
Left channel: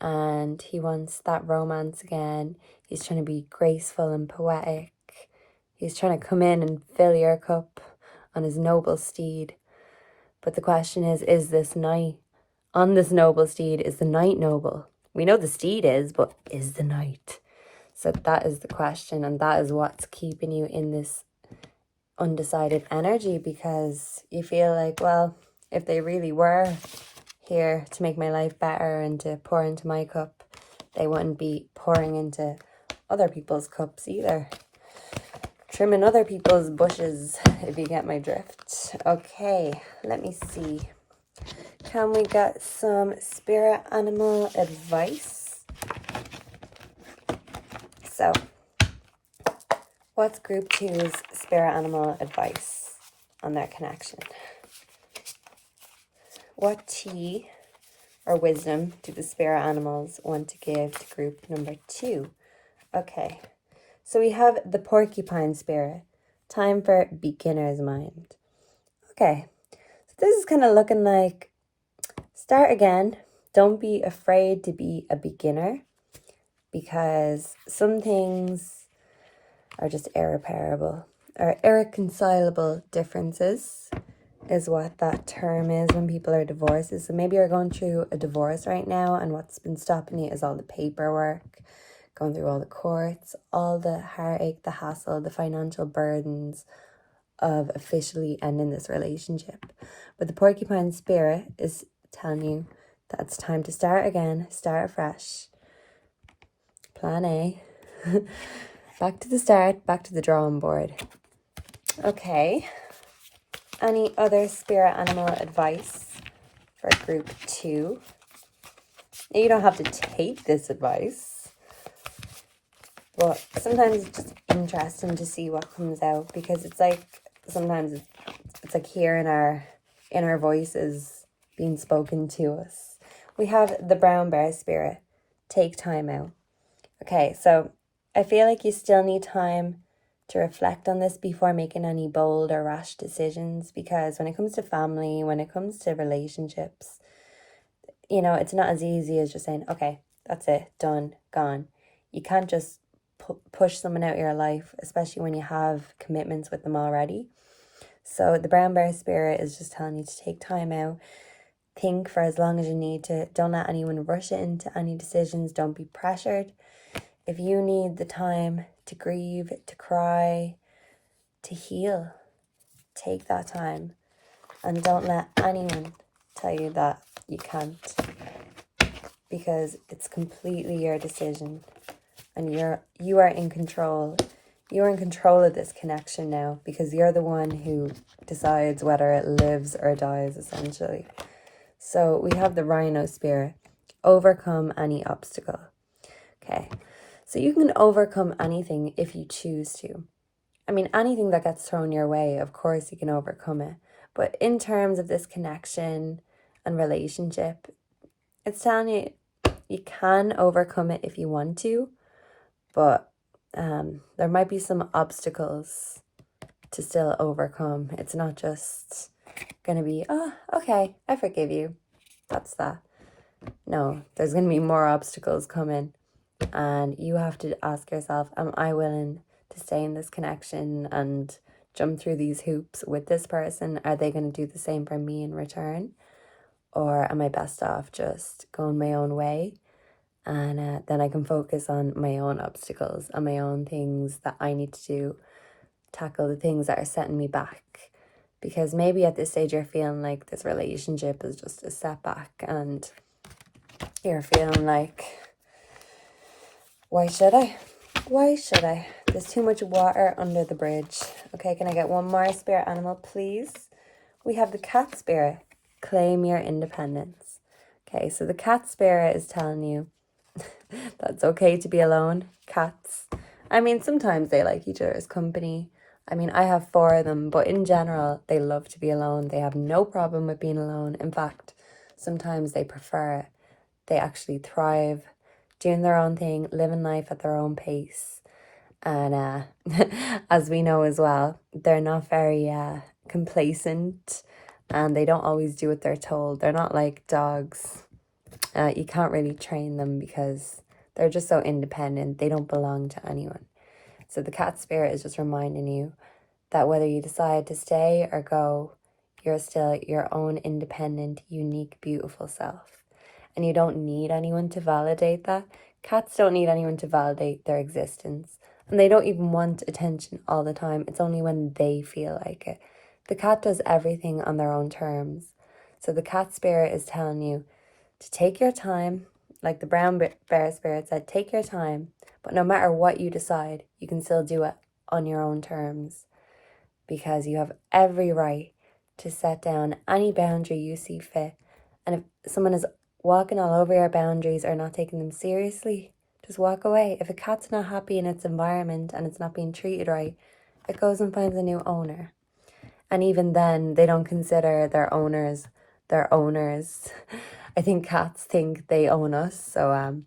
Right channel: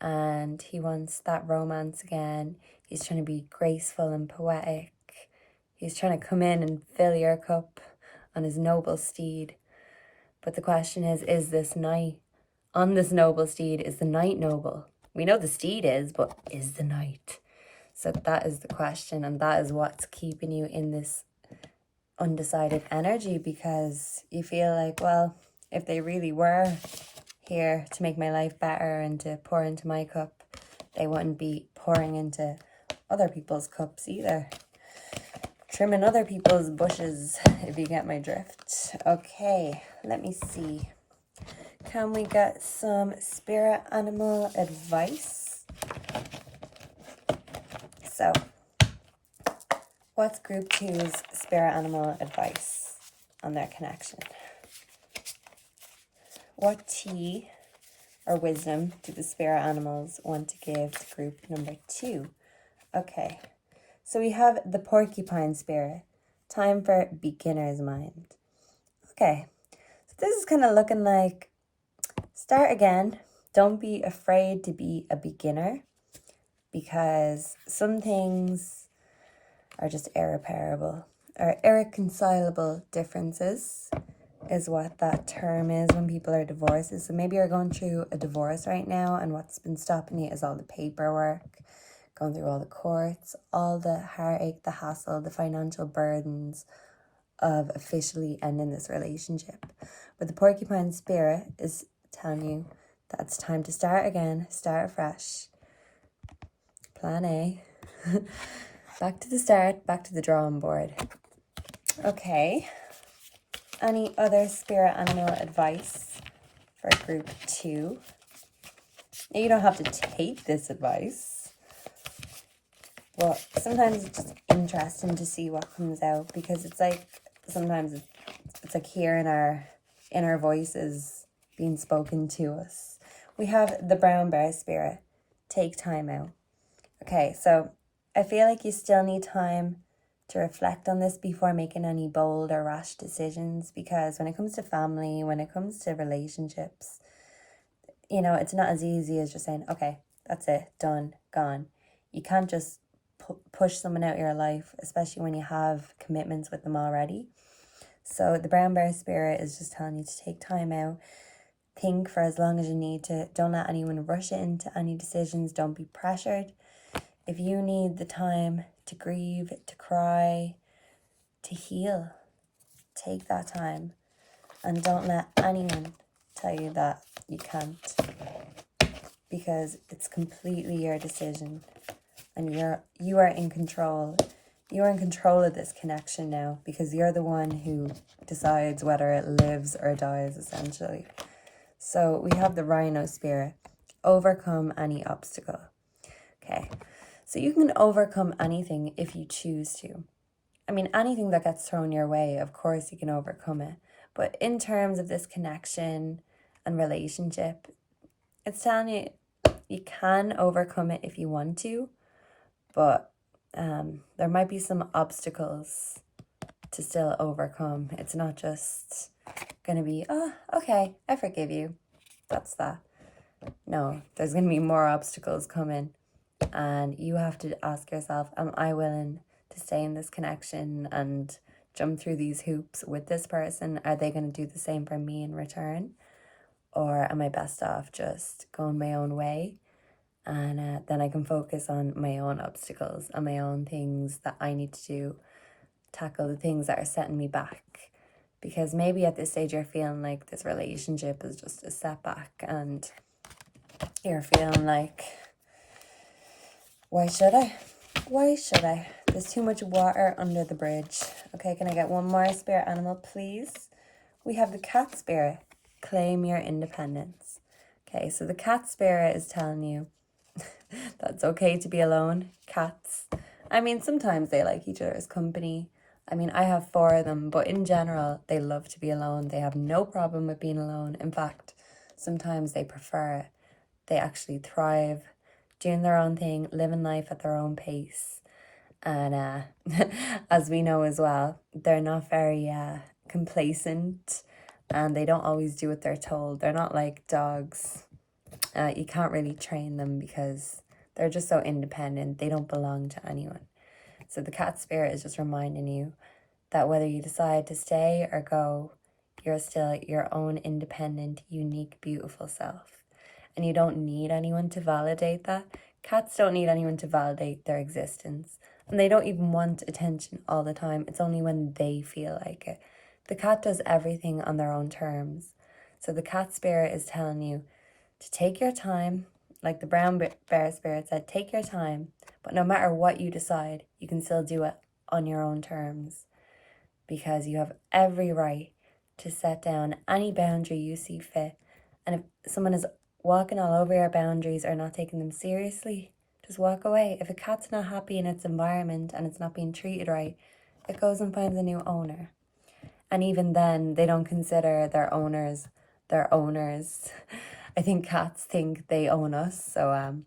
and he wants that romance again. He's trying to be graceful and poetic. He's trying to come in and fill your cup on his noble steed. But the question is this knight on this noble steed, is the knight noble? We know the steed is, but is the knight? So that is the question, and that is what's keeping you in this undecided energy, because you feel like, well, if they really were here to make my life better and to pour into my cup, they wouldn't be pouring into other people's cups either. Trimming other people's bushes, if you get my drift. Okay, let me see. Can we get some spirit animal advice? So, what's group 2's spirit animal advice on their connection? What tea or wisdom do the spirit animals want to give to group number 2? Okay, so we have the porcupine spirit. Time for beginner's mind. Okay, so this is kind of looking like start again. Don't be afraid to be a beginner, because some things are just irreparable or irreconcilable differences is what that term is when people are divorced. So maybe you're going through a divorce right now, and what's been stopping you is all the paperwork, going through all the courts, all the heartache, the hassle, the financial burdens of officially ending this relationship. But the porcupine spirit is telling you that it's time to start again, start fresh. Plan A. Back to the start, back to the drawing board. Okay. Any other spirit animal advice for group 2? You don't have to take this advice, but sometimes it's just interesting to see what comes out, because it's like sometimes it's like hearing our inner voices being spoken to us. We have the brown bear spirit. Take time out. Okay, so I feel like you still need time to reflect on this before making any bold or rash decisions, because when it comes to family, when it comes to relationships, you know, it's not as easy as just saying, okay, that's it, done, gone. You can't just push someone out of your life, especially when you have commitments with them already. So the brown bear spirit is just telling you to take time out, think for as long as you need to. Don't let anyone rush it into any decisions. Don't be pressured. If you need the time to grieve, to cry, to heal, take that time. And don't let anyone tell you that you can't, because it's completely your decision, and you are in control. You are in control of this connection now, because you're the one who decides whether it lives or dies, essentially. So we have the rhino spirit. Overcome any obstacle. Okay. So you can overcome anything if you choose to. I mean, anything that gets thrown your way, of course you can overcome it. But in terms of this connection and relationship, it's telling you you can overcome it if you want to, but there might be some obstacles to still overcome. It's not just going to be, oh, okay, I forgive you. That's that. No, there's going to be more obstacles coming. And you have to ask yourself, am I willing to stay in this connection and jump through these hoops with this person? Are they going to do the same for me in return? Or am I best off just going my own way? And then I can focus on my own obstacles and my own things that I need to do, tackle the things that are setting me back. Because maybe at this stage you're feeling like this relationship is just a setback and you're feeling like, why should I? Why should I? There's too much water under the bridge. Okay, can I get one more spirit animal, please? We have the cat spirit. Claim your independence. Okay, so the cat spirit is telling you that's okay to be alone. Cats, I mean, sometimes they like each other's company. I mean, I have 4 of them, but in general, they love to be alone. They have no problem with being alone. In fact, sometimes they prefer it. They actually thrive doing their own thing, living life at their own pace. And as we know as well, they're not very complacent, and they don't always do what they're told. They're not like dogs. You can't really train them because they're just so independent. They don't belong to anyone. So the cat spirit is just reminding you that whether you decide to stay or go, you're still your own independent, unique, beautiful self. And you don't need anyone to validate that. Cats don't need anyone to validate their existence. And they don't even want attention all the time. It's only when they feel like it. The cat does everything on their own terms. So the cat spirit is telling you to take your time. Like the brown bear spirit said, take your time. But no matter what you decide, you can still do it on your own terms. Because you have every right to set down any boundary you see fit. And if someone is walking all over your boundaries or not taking them seriously, just walk away. If a cat's not happy in its environment and it's not being treated right, it goes and finds a new owner. And even then, they don't consider their owners their owners. I think cats think they own us, so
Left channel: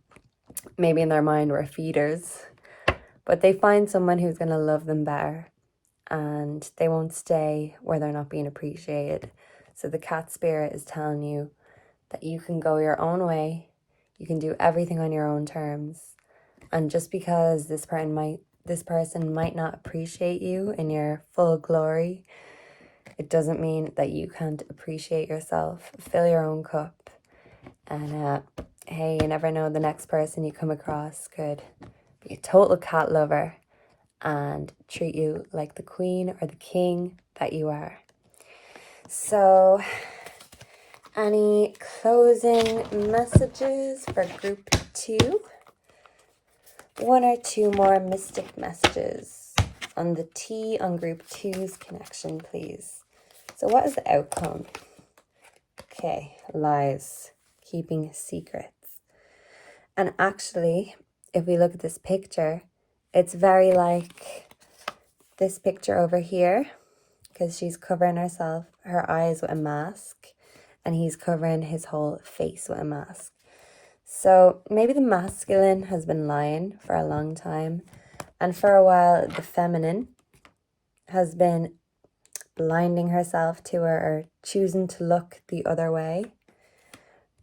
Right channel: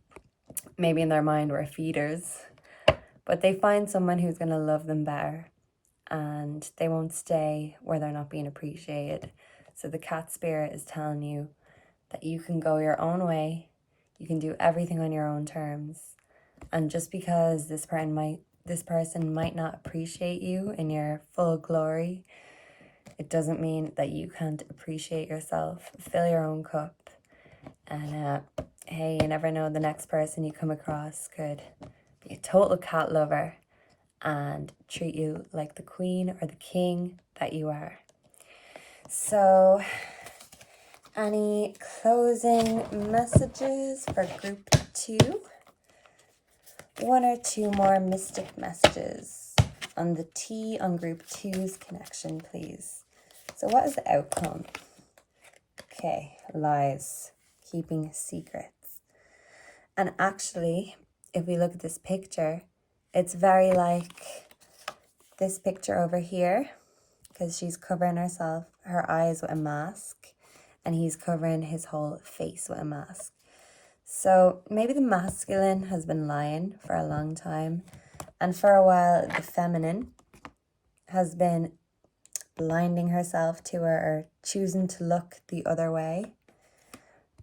maybe in their mind we're feeders. But they find someone who's going to love them better, and they won't stay where they're not being appreciated. So the cat spirit is telling you that you can go your own way, you can do everything on your own terms, and just because this person might not appreciate you in your full glory, it doesn't mean that you can't appreciate yourself. Fill your own cup, and hey, you never know, the next person you come across could be a total cat lover and treat you like the queen or the king that you are. So, any closing messages for group 2? 1 or 2 more mystic messages on the T on group 2's connection, please. So what is the outcome? Okay, lies, keeping secrets. And actually, if we look at this picture, it's very like this picture over here, because she's covering her eyes with a mask, and he's covering his whole face with a mask. So maybe the masculine has been lying for a long time, and for a while the feminine has been blinding herself to her or choosing to look the other way.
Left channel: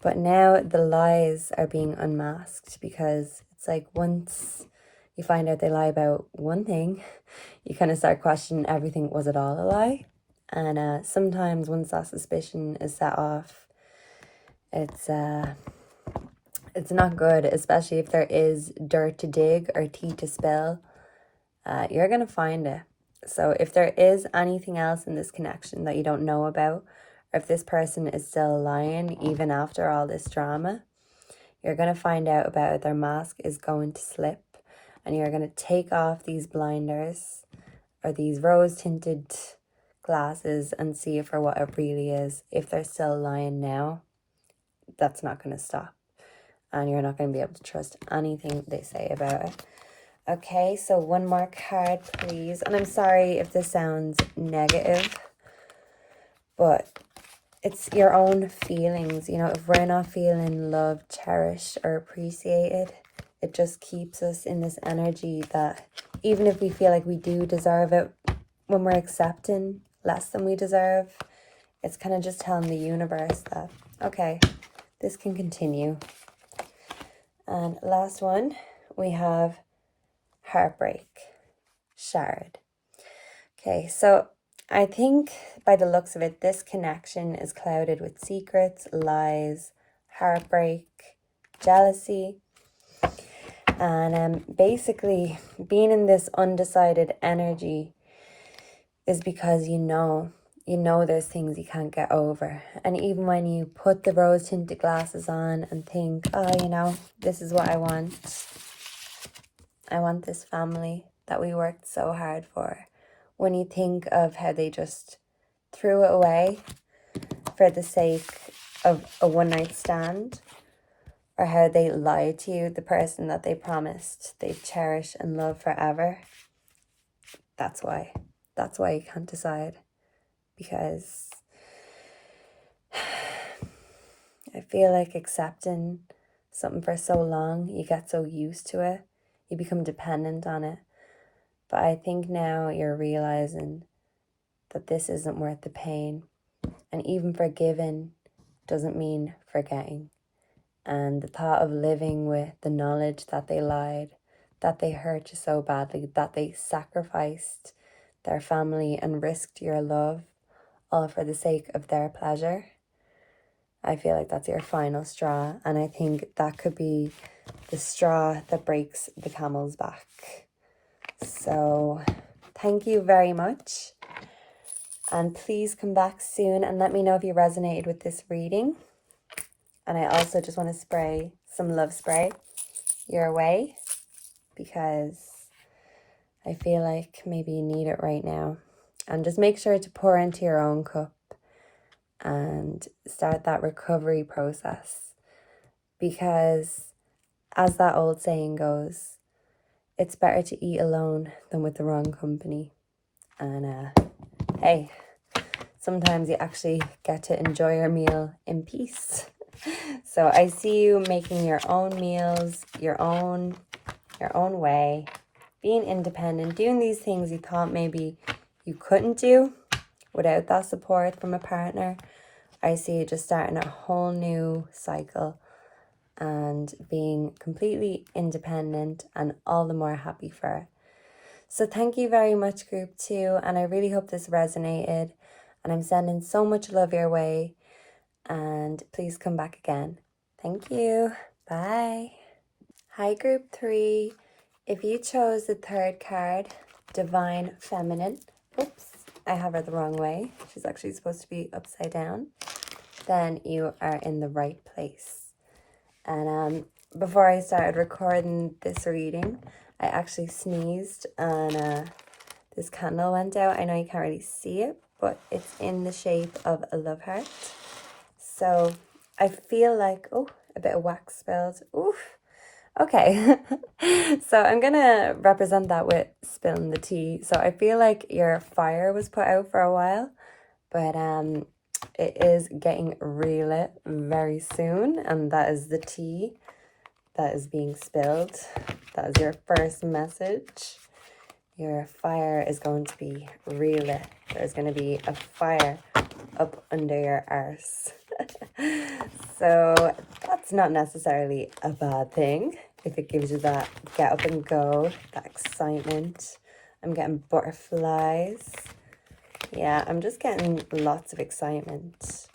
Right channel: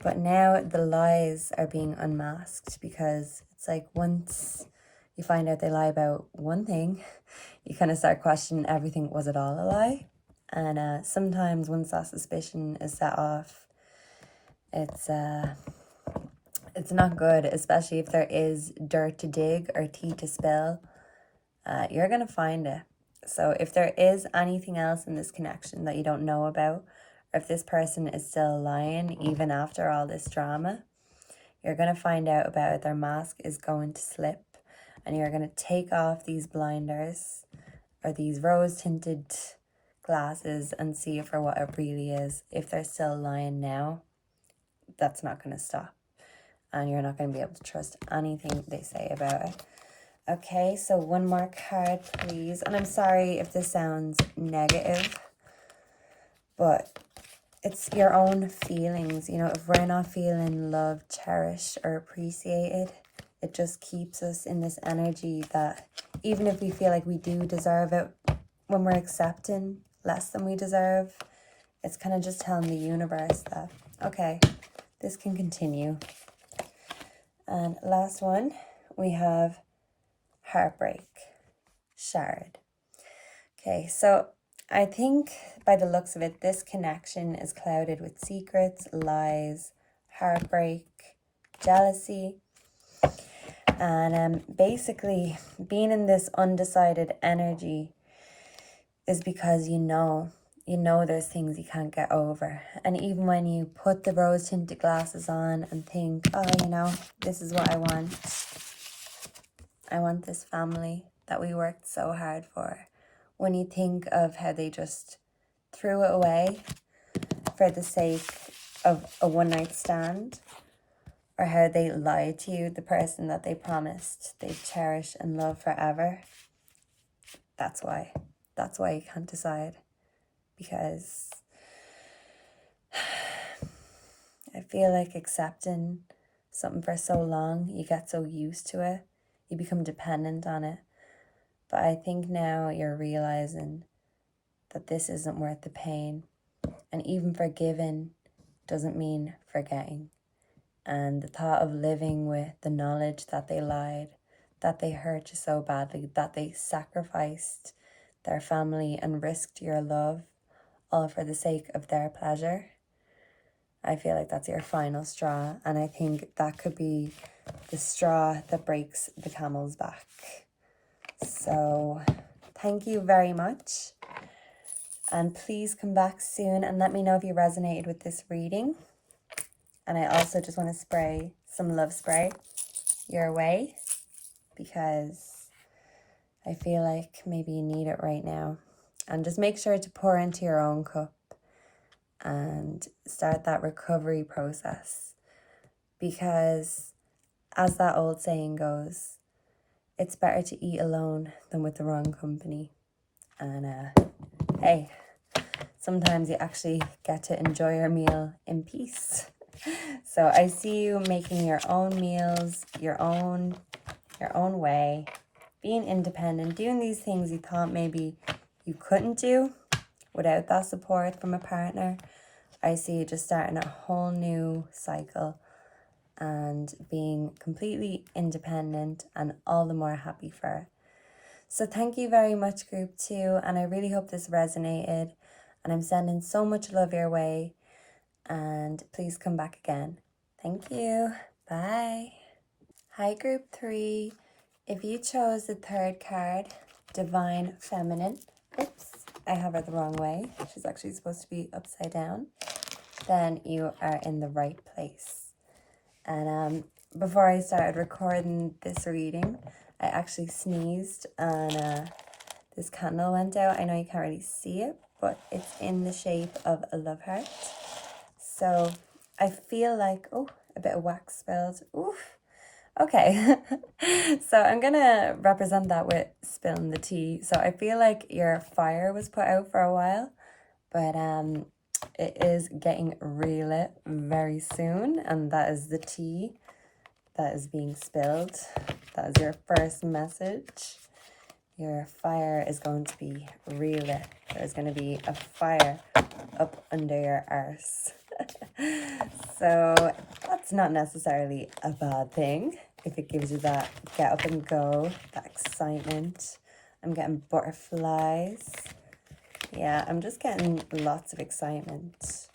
But now the lies are being unmasked, because it's like once you find out they lie about one thing, you kind of start questioning everything. Was it all a lie? And sometimes once that suspicion is set off, it's not good, especially if there is dirt to dig or tea to spill. You're going to find it. So if there is anything else in this connection that you don't know about, or if this person is still lying even after all this drama, you're going to find out about it. Their mask is going to slip, and you're going to take off these blinders or these rose-tinted glasses and see it for what it really is. If they're still lying now, that's not going to stop, and you're not going to be able to trust anything they say about it. Okay, so 1 more card, please. And I'm sorry if this sounds negative, but it's your own feelings. You know, if we're not feeling loved, cherished, or appreciated, it just keeps us in this energy that even if we feel like we do deserve it, when we're accepting less than we deserve, It's kind of just telling the universe that, okay, this can continue. And last one, we have heartbreak, shard. Okay, so I think by the looks of it, this connection is clouded with secrets, lies, heartbreak, jealousy. And basically, being in this undecided energy is because you know there's things you can't get over. And even when you put the rose tinted glasses on and think, oh, this is what I want. I want this family that we worked so hard for. When you think of how they just threw it away for the sake of a one-night stand, or how they lied to you, the person that they promised they'd cherish and love forever, that's why you can't decide. Because I feel like accepting something for so long, you get so used to it, you become dependent on it. But I think now you're realizing that this isn't worth the pain. And even forgiving doesn't mean forgetting. And the thought of living with the knowledge that they lied, that they hurt you so badly, that they sacrificed their family and risked your love, all for the sake of their pleasure, I feel like that's your final straw. And I think that could be the straw that breaks the camel's back. So thank you very much. And please come back soon and let me know if you resonated with this reading. And I also just want to spray some love spray your way, because I feel like maybe you need it right now. And just make sure to pour into your own cup and start that recovery process. Because as that old saying goes, it's better to eat alone than with the wrong company. And hey, sometimes you actually get to enjoy your meal in peace. So I see you making your own meals, your own way, being independent, doing these things you thought maybe you couldn't do without that support from a partner. I see you just starting a whole new cycle and being completely independent, and all the more happy for it. So thank you very much, Group 2, and I really hope this resonated, and I'm sending so much love your way, and please come back again. Thank you. Bye. Hi, Group 3. If you chose the third card, Divine Feminine, oops, I have her the wrong way. She's actually supposed to be upside down. Then you are in the right place. And before I started recording this reading, I actually sneezed and this candle went out. I know you can't really see it, but it's in the shape of a love heart. So I feel like, oh, a bit of wax spilled. Oof. Okay. So I'm going to represent that with spilling the tea. So I feel like your fire was put out for a while, but it is getting relit very soon, and that is the tea that is being spilled. That is your first message. Your fire is going to be relit. There's going to be a fire up under your arse. So that's not necessarily a bad thing if it gives you that get up and go, that excitement. I'm getting butterflies. Yeah, I'm just getting lots of excitement.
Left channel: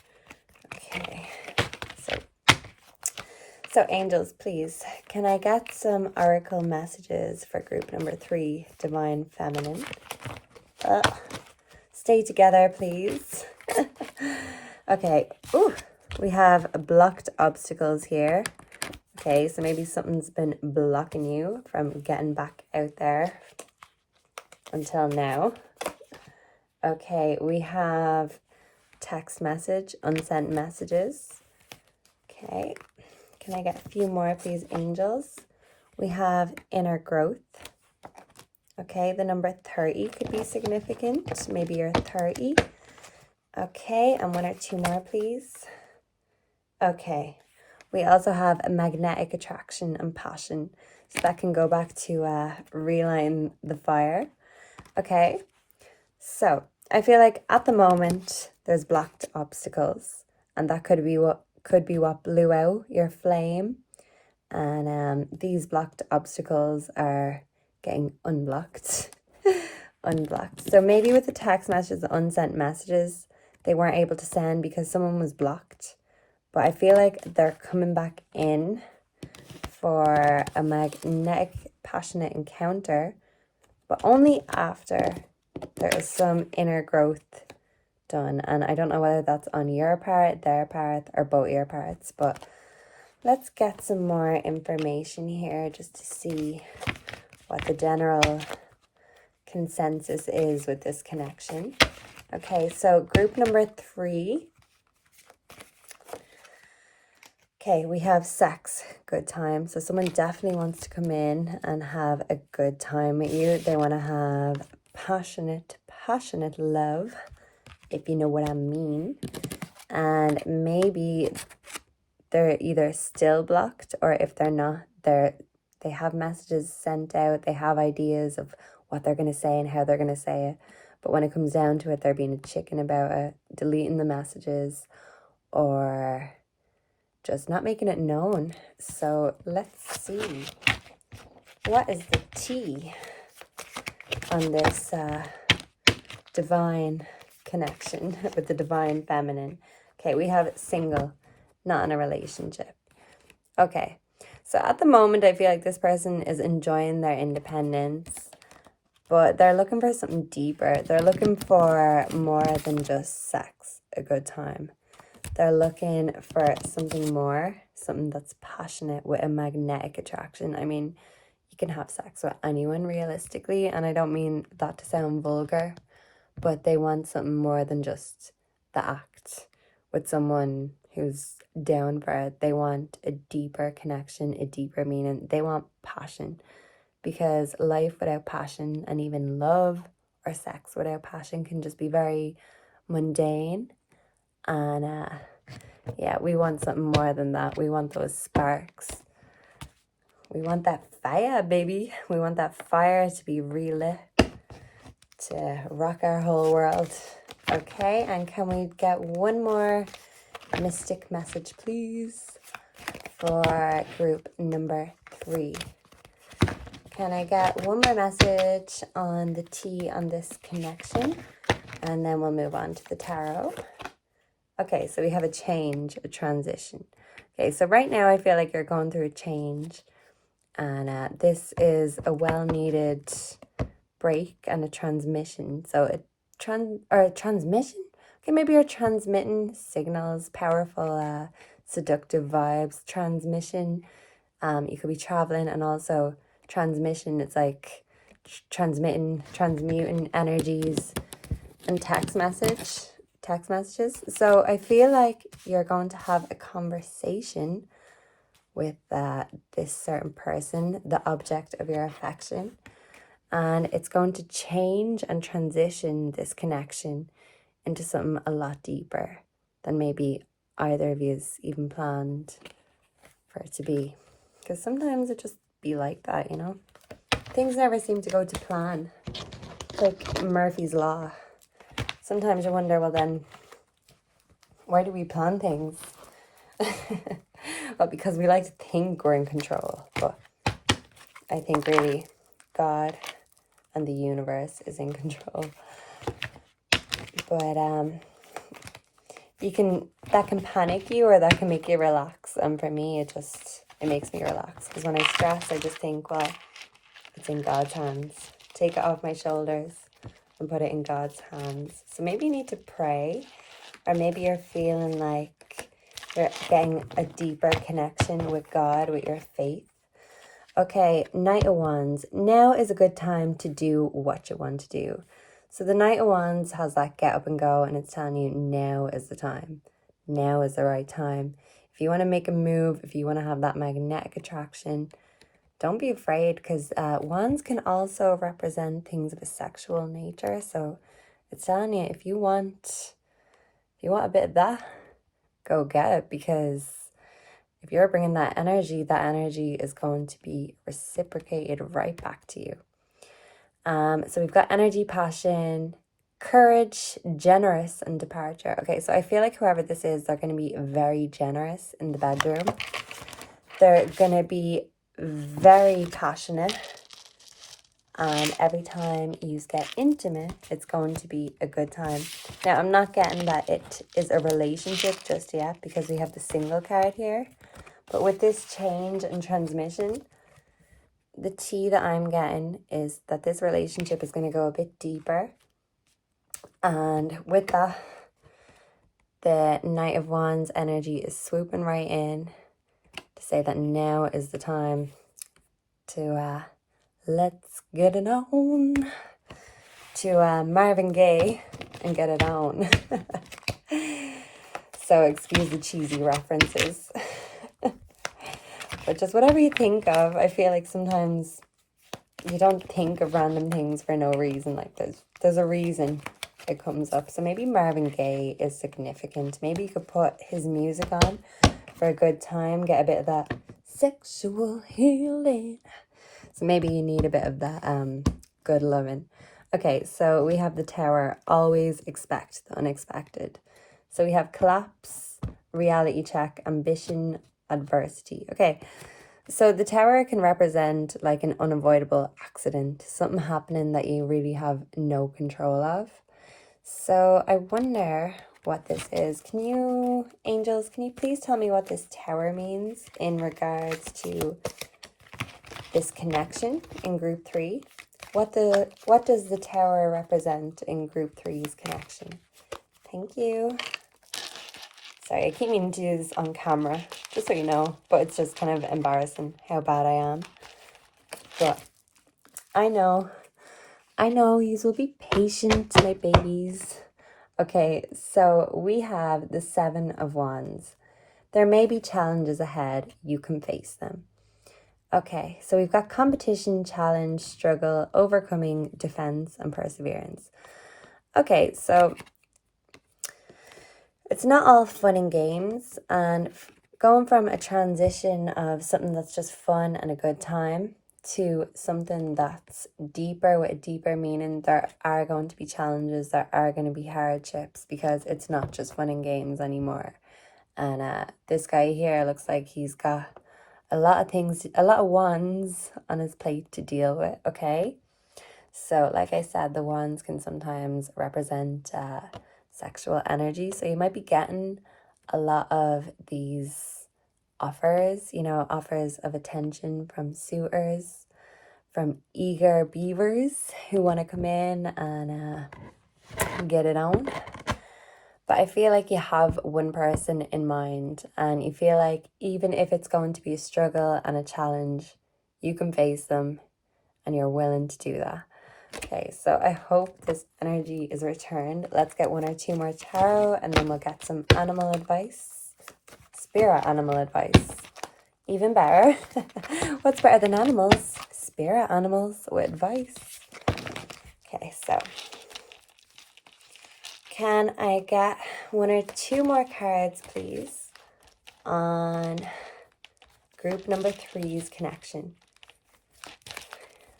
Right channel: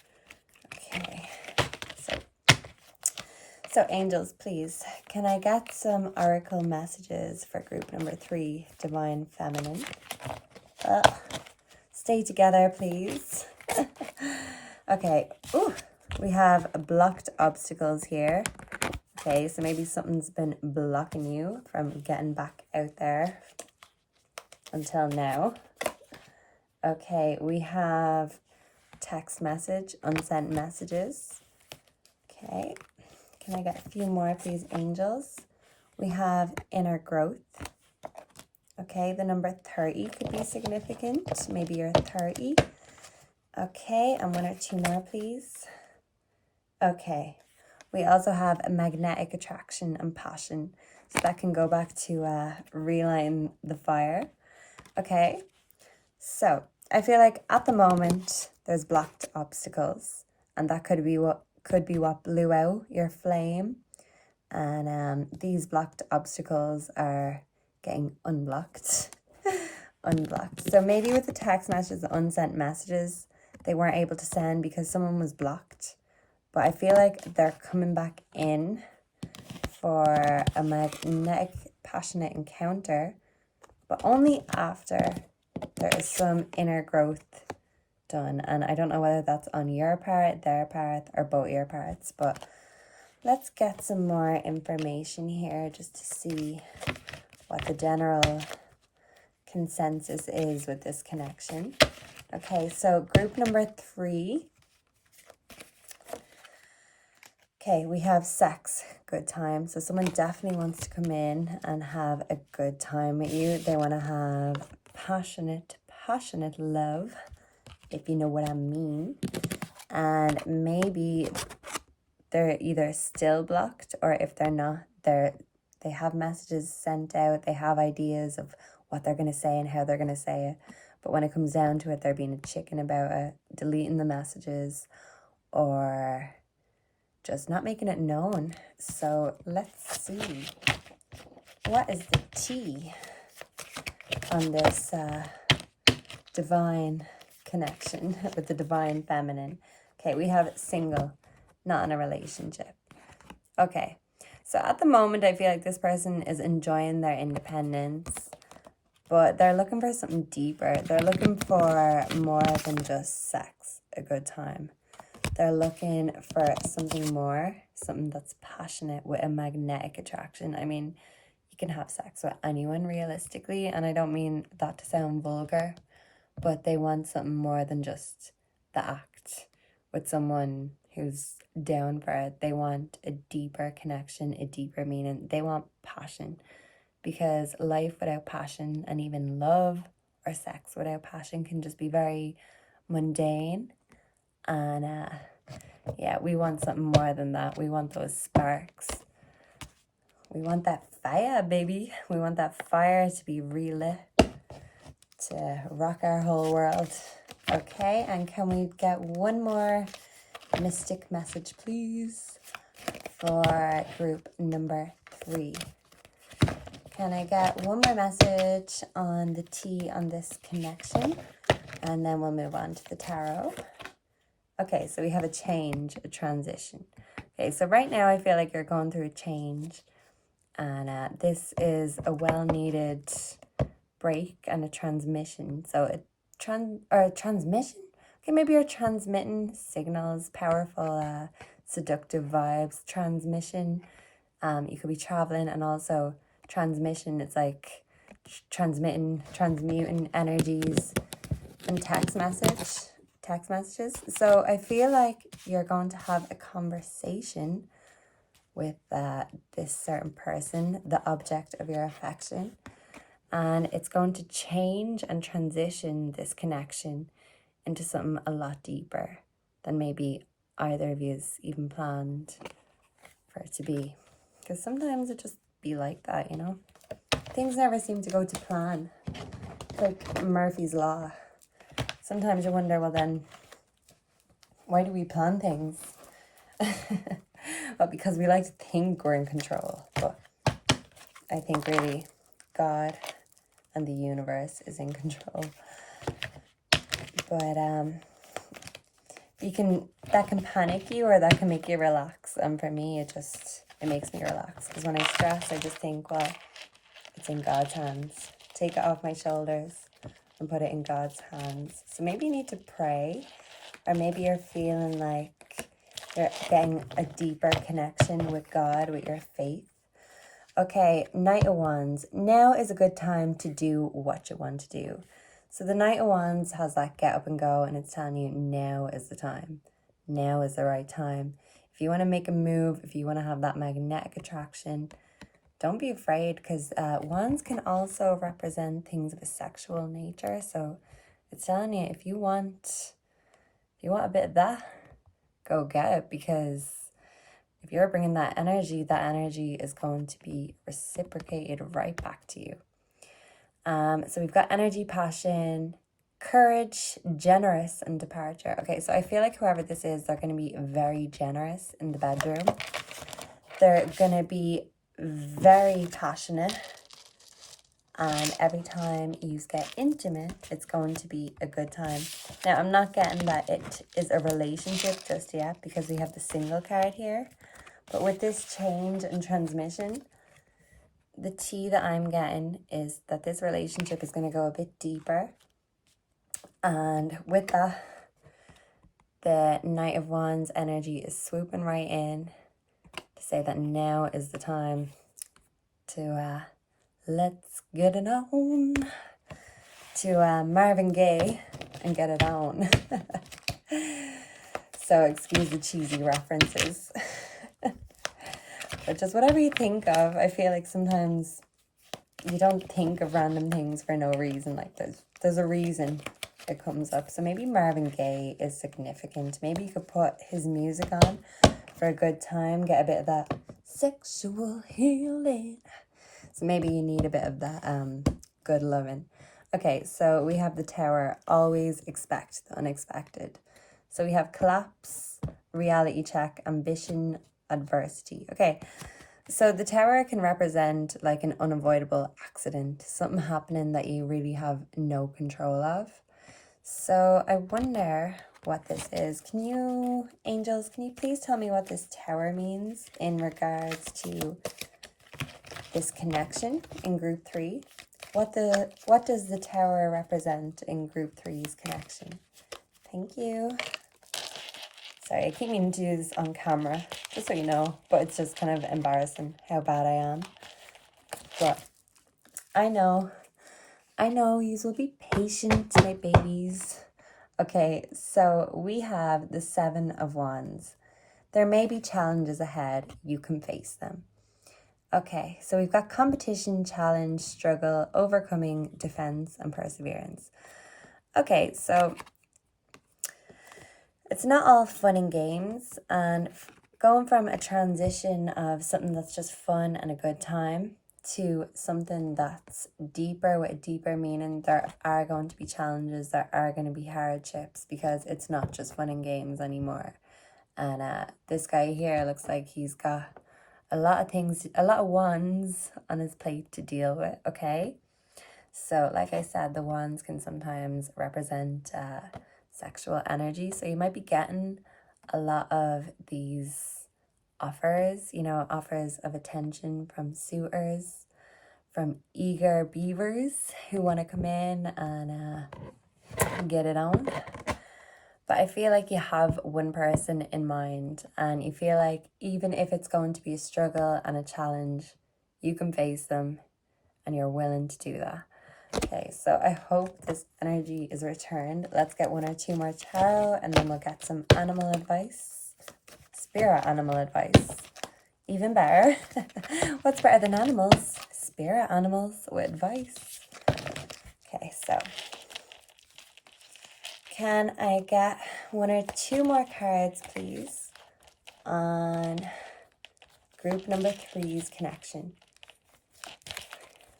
Okay, so angels, please, can I get some oracle messages for group number 3, Divine Feminine? Stay together, please. Okay, ooh, we have blocked obstacles here. Okay, so maybe something's been blocking you from getting back out there until now. Okay, we have text message, unsent messages. Okay, can I get a few more, please, angels? We have inner growth. Okay, the number 30 could be significant. Maybe you're 30. Okay, and 1 or 2 more, please. Okay, we also have a magnetic attraction and passion. So that can go back to relighting the fire. Okay, so I feel like at the moment there's blocked obstacles, and that could be what blew out your flame. And these blocked obstacles are getting unblocked. Unblocked. So maybe with the text messages, the unsent messages, they weren't able to send because someone was blocked. But I feel like they're coming back in for a magnetic, passionate encounter, but only after there is some inner growth done. And I don't know whether that's on your part, their part, or both your parts, but let's get some more information here just to see what the general consensus is with this connection. Okay, so group number 3. Okay, we have sex, good time. So someone definitely wants to come in and have a good time with you. They want to have passionate love, if you know what I mean. And maybe they're either still blocked, or if they're not, they have messages sent out, they have ideas of what they're going to say and how they're going to say it. But when it comes down to it, they're being a chicken about it, deleting the messages, or just not making it known. So let's see. What is the T on this divine connection with the divine feminine? Okay, we have single, not in a relationship. Okay, so at the moment, I feel like this person is enjoying their independence, but they're looking for something deeper. They're looking for more than just sex, a good time. They're looking for something more, something that's passionate with a magnetic attraction. I mean, you can have sex with anyone realistically, and I don't mean that to sound vulgar, but they want something more than just the act with someone who's down for it. They want a deeper connection, a deeper meaning. They want passion, because life without passion, and even love or sex without passion, can just be very mundane. And yeah, we want something more than that. We want those sparks. We want that fire, baby. We want that fire to be relit, to rock our whole world. Okay, and can we get one more mystic message, please, for group number 3? Can I get one more message on the T on this connection? And then we'll move on to the tarot. Okay, so we have a change, a transition. Okay, so right now I feel like you're going through a change. And this is a well-needed break and a transmission. So a transmission? Okay, maybe you're transmitting signals, powerful, seductive vibes. Transmission, you could be traveling, and also transmission, it's like transmuting energies and text messages. So I feel like you're going to have a conversation with this certain person, the object of your affection, and it's going to change and transition this connection into something a lot deeper than maybe either of you's even planned for it to be. Because sometimes it just be like that, you know? Things never seem to go to plan. It's like Murphy's Law. Sometimes I wonder, well then, why do we plan things? Well, because we like to think we're in control. But I think really God and the universe is in control. But that can panic you, or that can make you relax. And for me, it makes me relax. Because when I stress, I just think, well, it's in God's hands. Take it off my shoulders and put it in God's hands. So maybe you need to pray, or maybe you're feeling like you're getting a deeper connection with God, with your faith. Okay, Knight of Wands. Now is a good time to do what you want to do. So the Knight of Wands has that get up and go, and it's telling you now is the time. Now is the right time. If you want to make a move, if you want to have that magnetic attraction, don't be afraid, because wands can also represent things of a sexual nature. So it's telling you, if you want a bit of that, go get it, because if you're bringing that energy is going to be reciprocated right back to you. So we've got energy, passion, Courage, generous, and departure. Okay, so I feel like whoever this is, they're going to be very generous in the bedroom. They're going to be very passionate. And every time you get intimate, it's going to be a good time. Now, I'm not getting that it is a relationship just yet because we have the single card here. But with this change and transmission, the tea that I'm getting is that this relationship is going to go a bit deeper. And with that, the Knight of Wands energy is swooping right in to say that now is the time to let's get it on, to Marvin Gaye and get it on. So excuse the cheesy references. But just whatever you think of, I feel like sometimes you don't think of random things for no reason. Like there's a reason it comes up. So maybe Marvin Gaye is significant. Maybe you could put his music on for a good time, get a bit of that sexual healing. So maybe you need a bit of that good loving. Okay, so we have the Tower, always expect the unexpected. So we have collapse, reality check, ambition, adversity. Okay, so the Tower can represent like an unavoidable accident, something happening that you really have no control of. So I wonder what this is. Can you, angels, can you please tell me what this Tower means in regards to this connection in group 3? What does the Tower represent in group 3's connection? Thank you. Sorry, I keep meaning to do this on camera, just so you know, but it's just kind of embarrassing how bad I am. But I know you will be patient, my babies. Okay, so we have the 7 of Wands. There may be challenges ahead. You can face them. Okay, so we've got competition, challenge, struggle, overcoming, defense, and perseverance. Okay, so it's not all fun and games, and going from a transition of something that's just fun and a good time to something that's deeper with a deeper meaning, there are going to be challenges, there are going to be hardships, because it's not just fun and games anymore. And this guy here looks like he's got a lot of things, a lot of wands on his plate to deal with, okay? So like I said, the wands can sometimes represent sexual energy. So you might be getting a lot of these offers, you know, offers of attention from suitors, from eager beavers who want to come in and get it on. But I feel like you have one person in mind, and you feel like even if it's going to be a struggle and a challenge, you can face them and you're willing to do that. Okay, so I hope this energy is returned. Let's get 1 or 2 more tarot, and then we'll get some animal advice. Spirit animal advice. Even better. What's better than animals? Spirit animals with advice. Okay, so can I get 1 or 2 more cards, please, on group number 3's connection?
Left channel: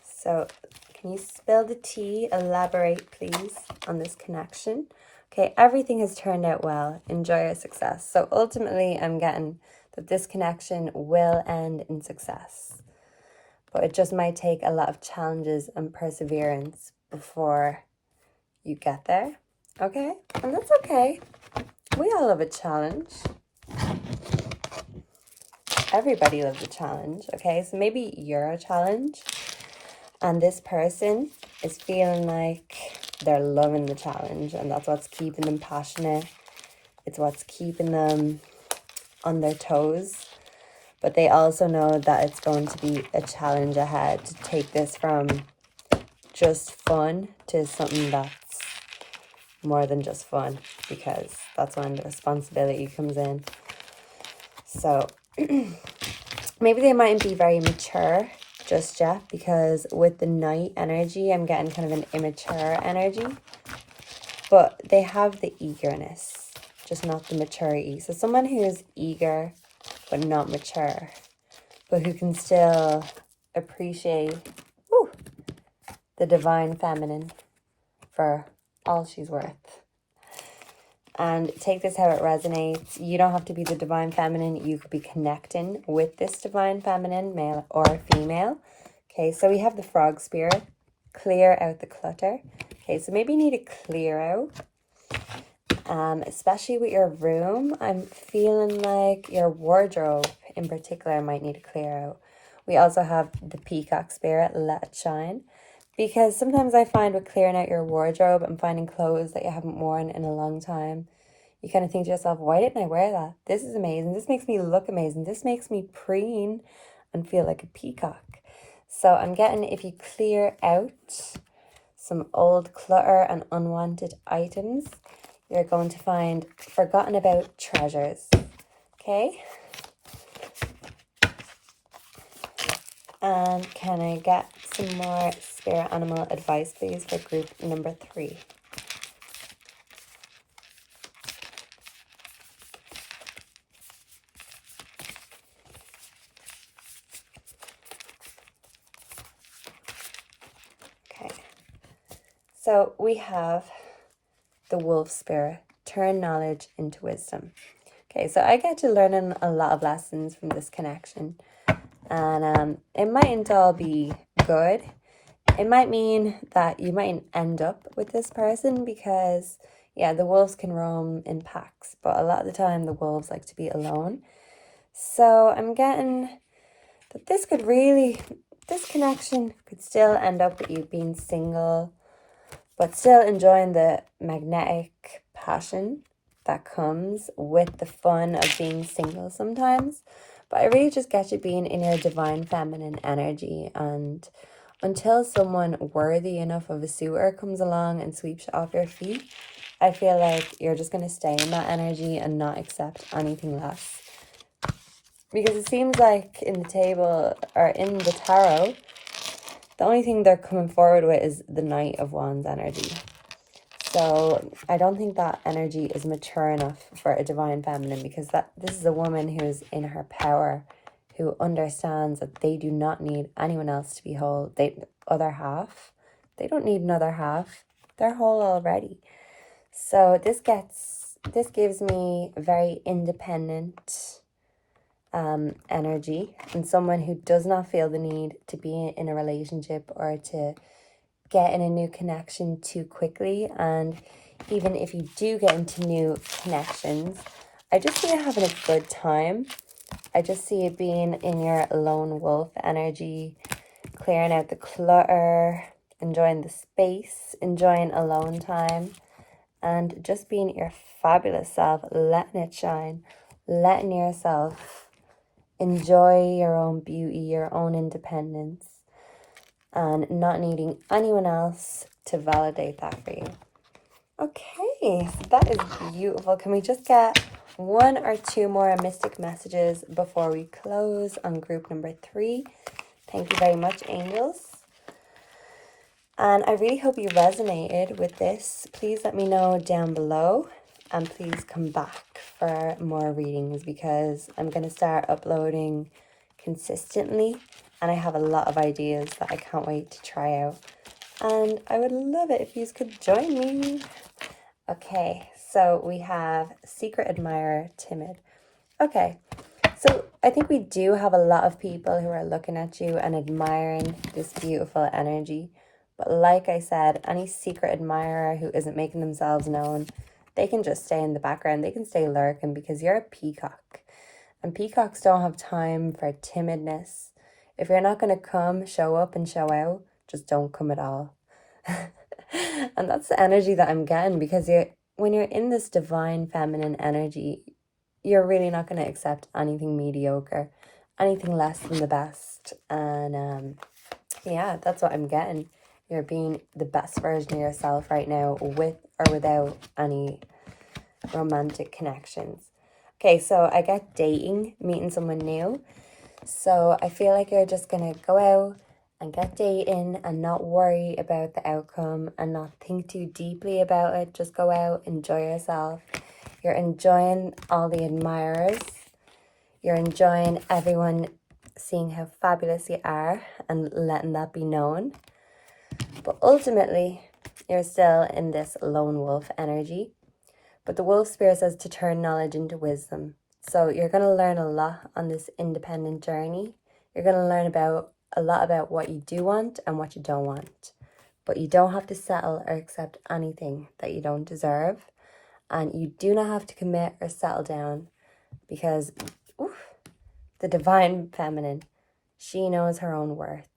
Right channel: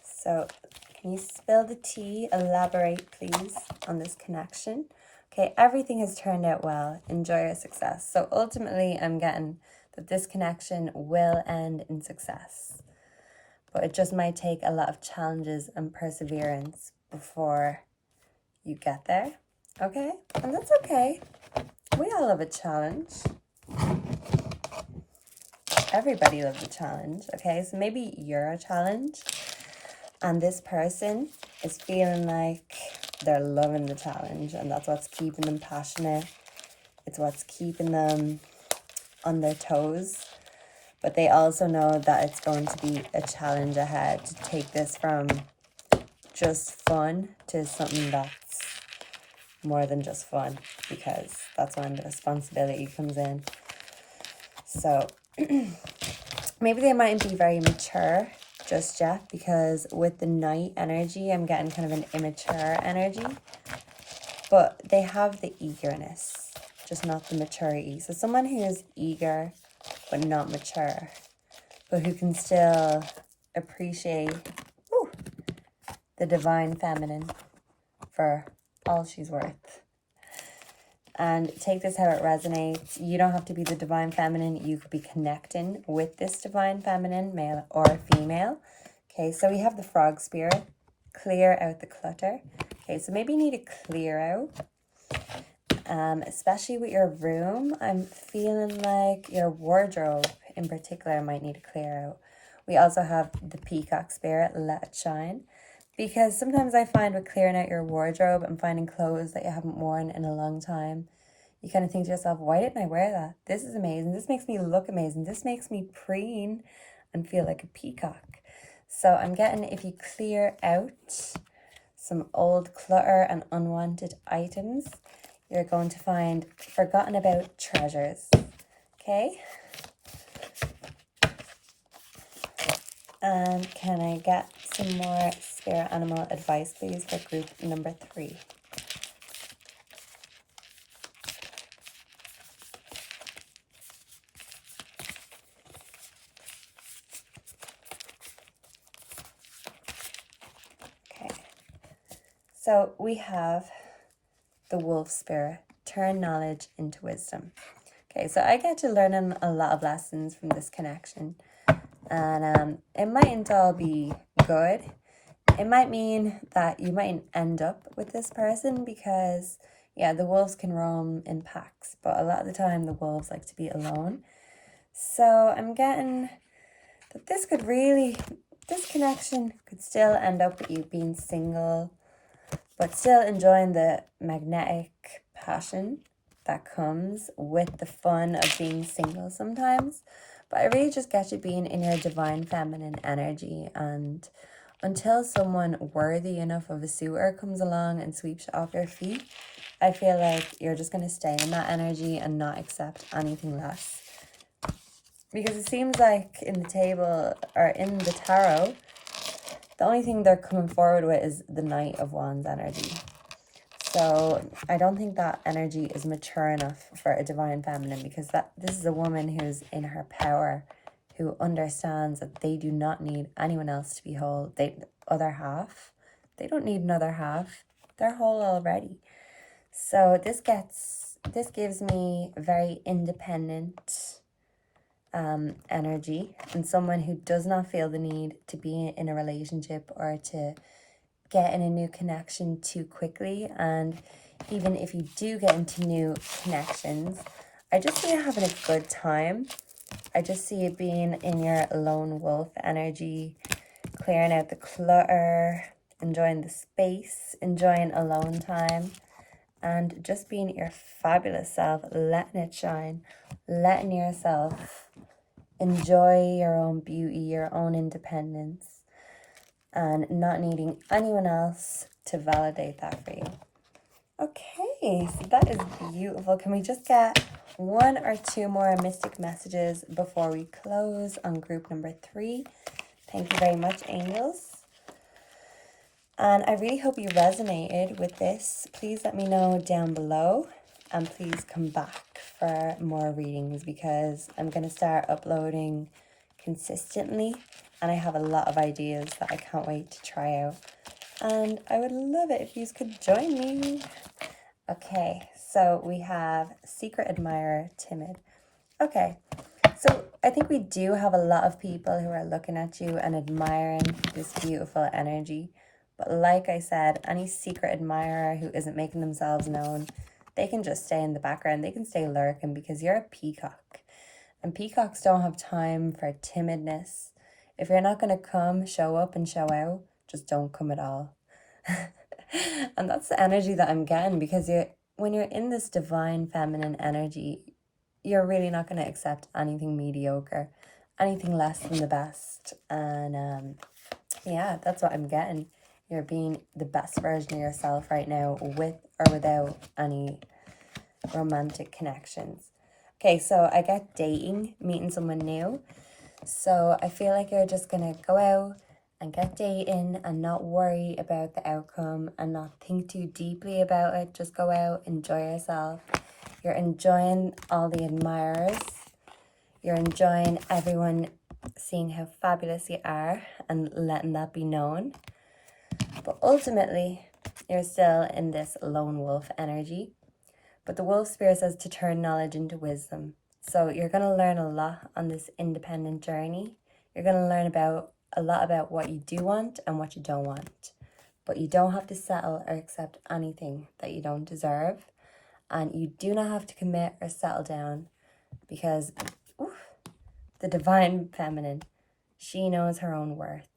So can you spill the tea, elaborate please on this connection? Okay, everything has turned out well. Enjoy your success. So ultimately I'm getting that this connection will end in success. But it just might take a lot of challenges and perseverance before you get there. Okay? And that's okay. We all love a challenge. Everybody loves a challenge, okay? So maybe you're a challenge, and this person is feeling like they're loving the challenge, and that's what's keeping them passionate. It's what's keeping them on their toes. But they also know that it's going to be a challenge ahead to take this from just fun to something that's more than just fun, because that's when the responsibility comes in. So maybe they mightn't be very mature just yet, because with the Knight energy, I'm getting kind of an immature energy. But they have the eagerness, just not the maturity. So someone who is eager but not mature, but who can still appreciate the divine feminine for all she's worth. And take this how it resonates. You don't have to be the divine feminine. You could be connecting with this divine feminine, male or female. Okay, so we have the frog spirit. Clear out the clutter. Okay, so maybe you need to clear out. Especially with your room. I'm feeling like your wardrobe in particular might need to clear out. We also have the peacock spirit, let it shine. Because sometimes I find with clearing out your wardrobe and finding clothes that you haven't worn in a long time, you kind of think to yourself, why didn't I wear that? This is amazing. This makes me look amazing. This makes me preen and feel like a peacock. So I'm getting, if you clear out some old clutter and unwanted items, you're going to find forgotten about treasures. Okay? And can I get some more spirit animal advice, please, for group number 3? Okay. So we have the wolf spirit, turn knowledge into wisdom. Okay, so I get to learning a lot of lessons from this connection. And it mightn't all be good. It might mean that you mightn't end up with this person because, yeah, the wolves can roam in packs, but a lot of the time the wolves like to be alone. So I'm getting that this connection could still end up with you being single, but still enjoying the magnetic passion that comes with the fun of being single sometimes. But I really just get you being in your divine feminine energy, and until someone worthy enough of a suitor comes along and sweeps you off your feet, I feel like you're just going to stay in that energy and not accept anything less. Because it seems like in the table, or in the tarot, the only thing they're coming forward with is the Knight of Wands energy. So I don't think that energy is mature enough for a divine feminine, because this is a woman who's in her power, who understands that they do not need anyone else to be whole. They don't need another half. They're whole already. So this gives me very independent energy, and someone who does not feel the need to be in a relationship or to get in a new connection too quickly. And even if you do get into new connections, I just see it having a good time. I just see it being in your lone wolf energy, clearing out the clutter, enjoying the space, enjoying alone time, and just being your fabulous self, letting it shine, letting yourself enjoy your own beauty, your own independence, and not needing anyone else to validate that for you. Okay, so that is beautiful. Can we just get 1 or 2 more mystic messages before we close on group number 3? Thank you very much, angels. And I really hope you resonated with this. Please let me know down below, and please come back for more readings, because I'm going to start uploading consistently, and I have a lot of ideas that I can't wait to try out. And I would love it if you could join me. Okay, so we have secret admirer, timid. Okay, so I think we do have a lot of people who are looking at you and admiring this beautiful energy. But like I said, any secret admirer who isn't making themselves known, they can just stay in the background. They can stay lurking, because you're a peacock. And peacocks don't have time for timidness. If you're not going to come, show up and show out, just don't come at all. And that's the energy that I'm getting, because when you're in this divine feminine energy, you're really not going to accept anything mediocre, anything less than the best. And yeah, that's what I'm getting. You're being the best version of yourself right now, with or without any romantic connections. Okay, so I get dating, meeting someone new. So I feel like you're just going to go out and get dating and not worry about the outcome and not think too deeply about it. Just go out, enjoy yourself. You're enjoying all the admirers. You're enjoying everyone seeing how fabulous you are and letting that be known. But ultimately, You're still in this lone wolf energy. But the wolf spirit says to turn knowledge into wisdom. So you're going to learn a lot on this independent journey. You're going to learn about a lot about what you do want and what you don't want. But you don't have to settle or accept anything that you don't deserve. And you do not have to commit or settle down because the divine feminine, she knows her own worth.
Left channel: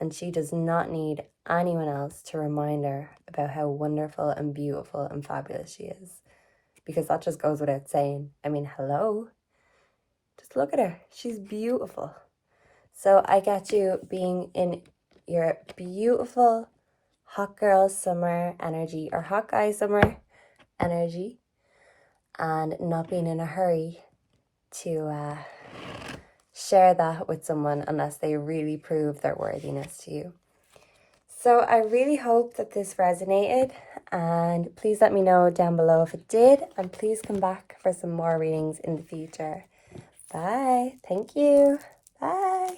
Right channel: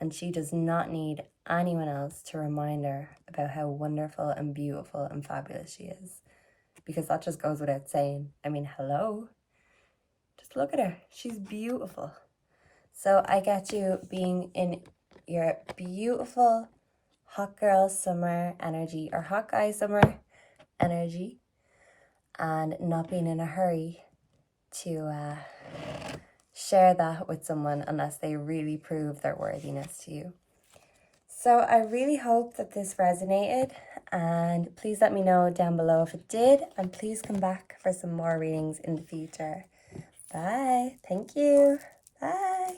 And she does not need anyone else to remind her about how wonderful and beautiful and fabulous she is. Because that just goes without saying. I mean, hello? Just look at her. She's beautiful. So I get you being in your beautiful hot girl summer energy or hot guy summer energy and not being in a hurry to share that with someone unless they really prove their worthiness to you. So I really hope that this resonated, and please let me know down below if it did, and please come back for some more readings in the future. Bye. Thank you. Bye.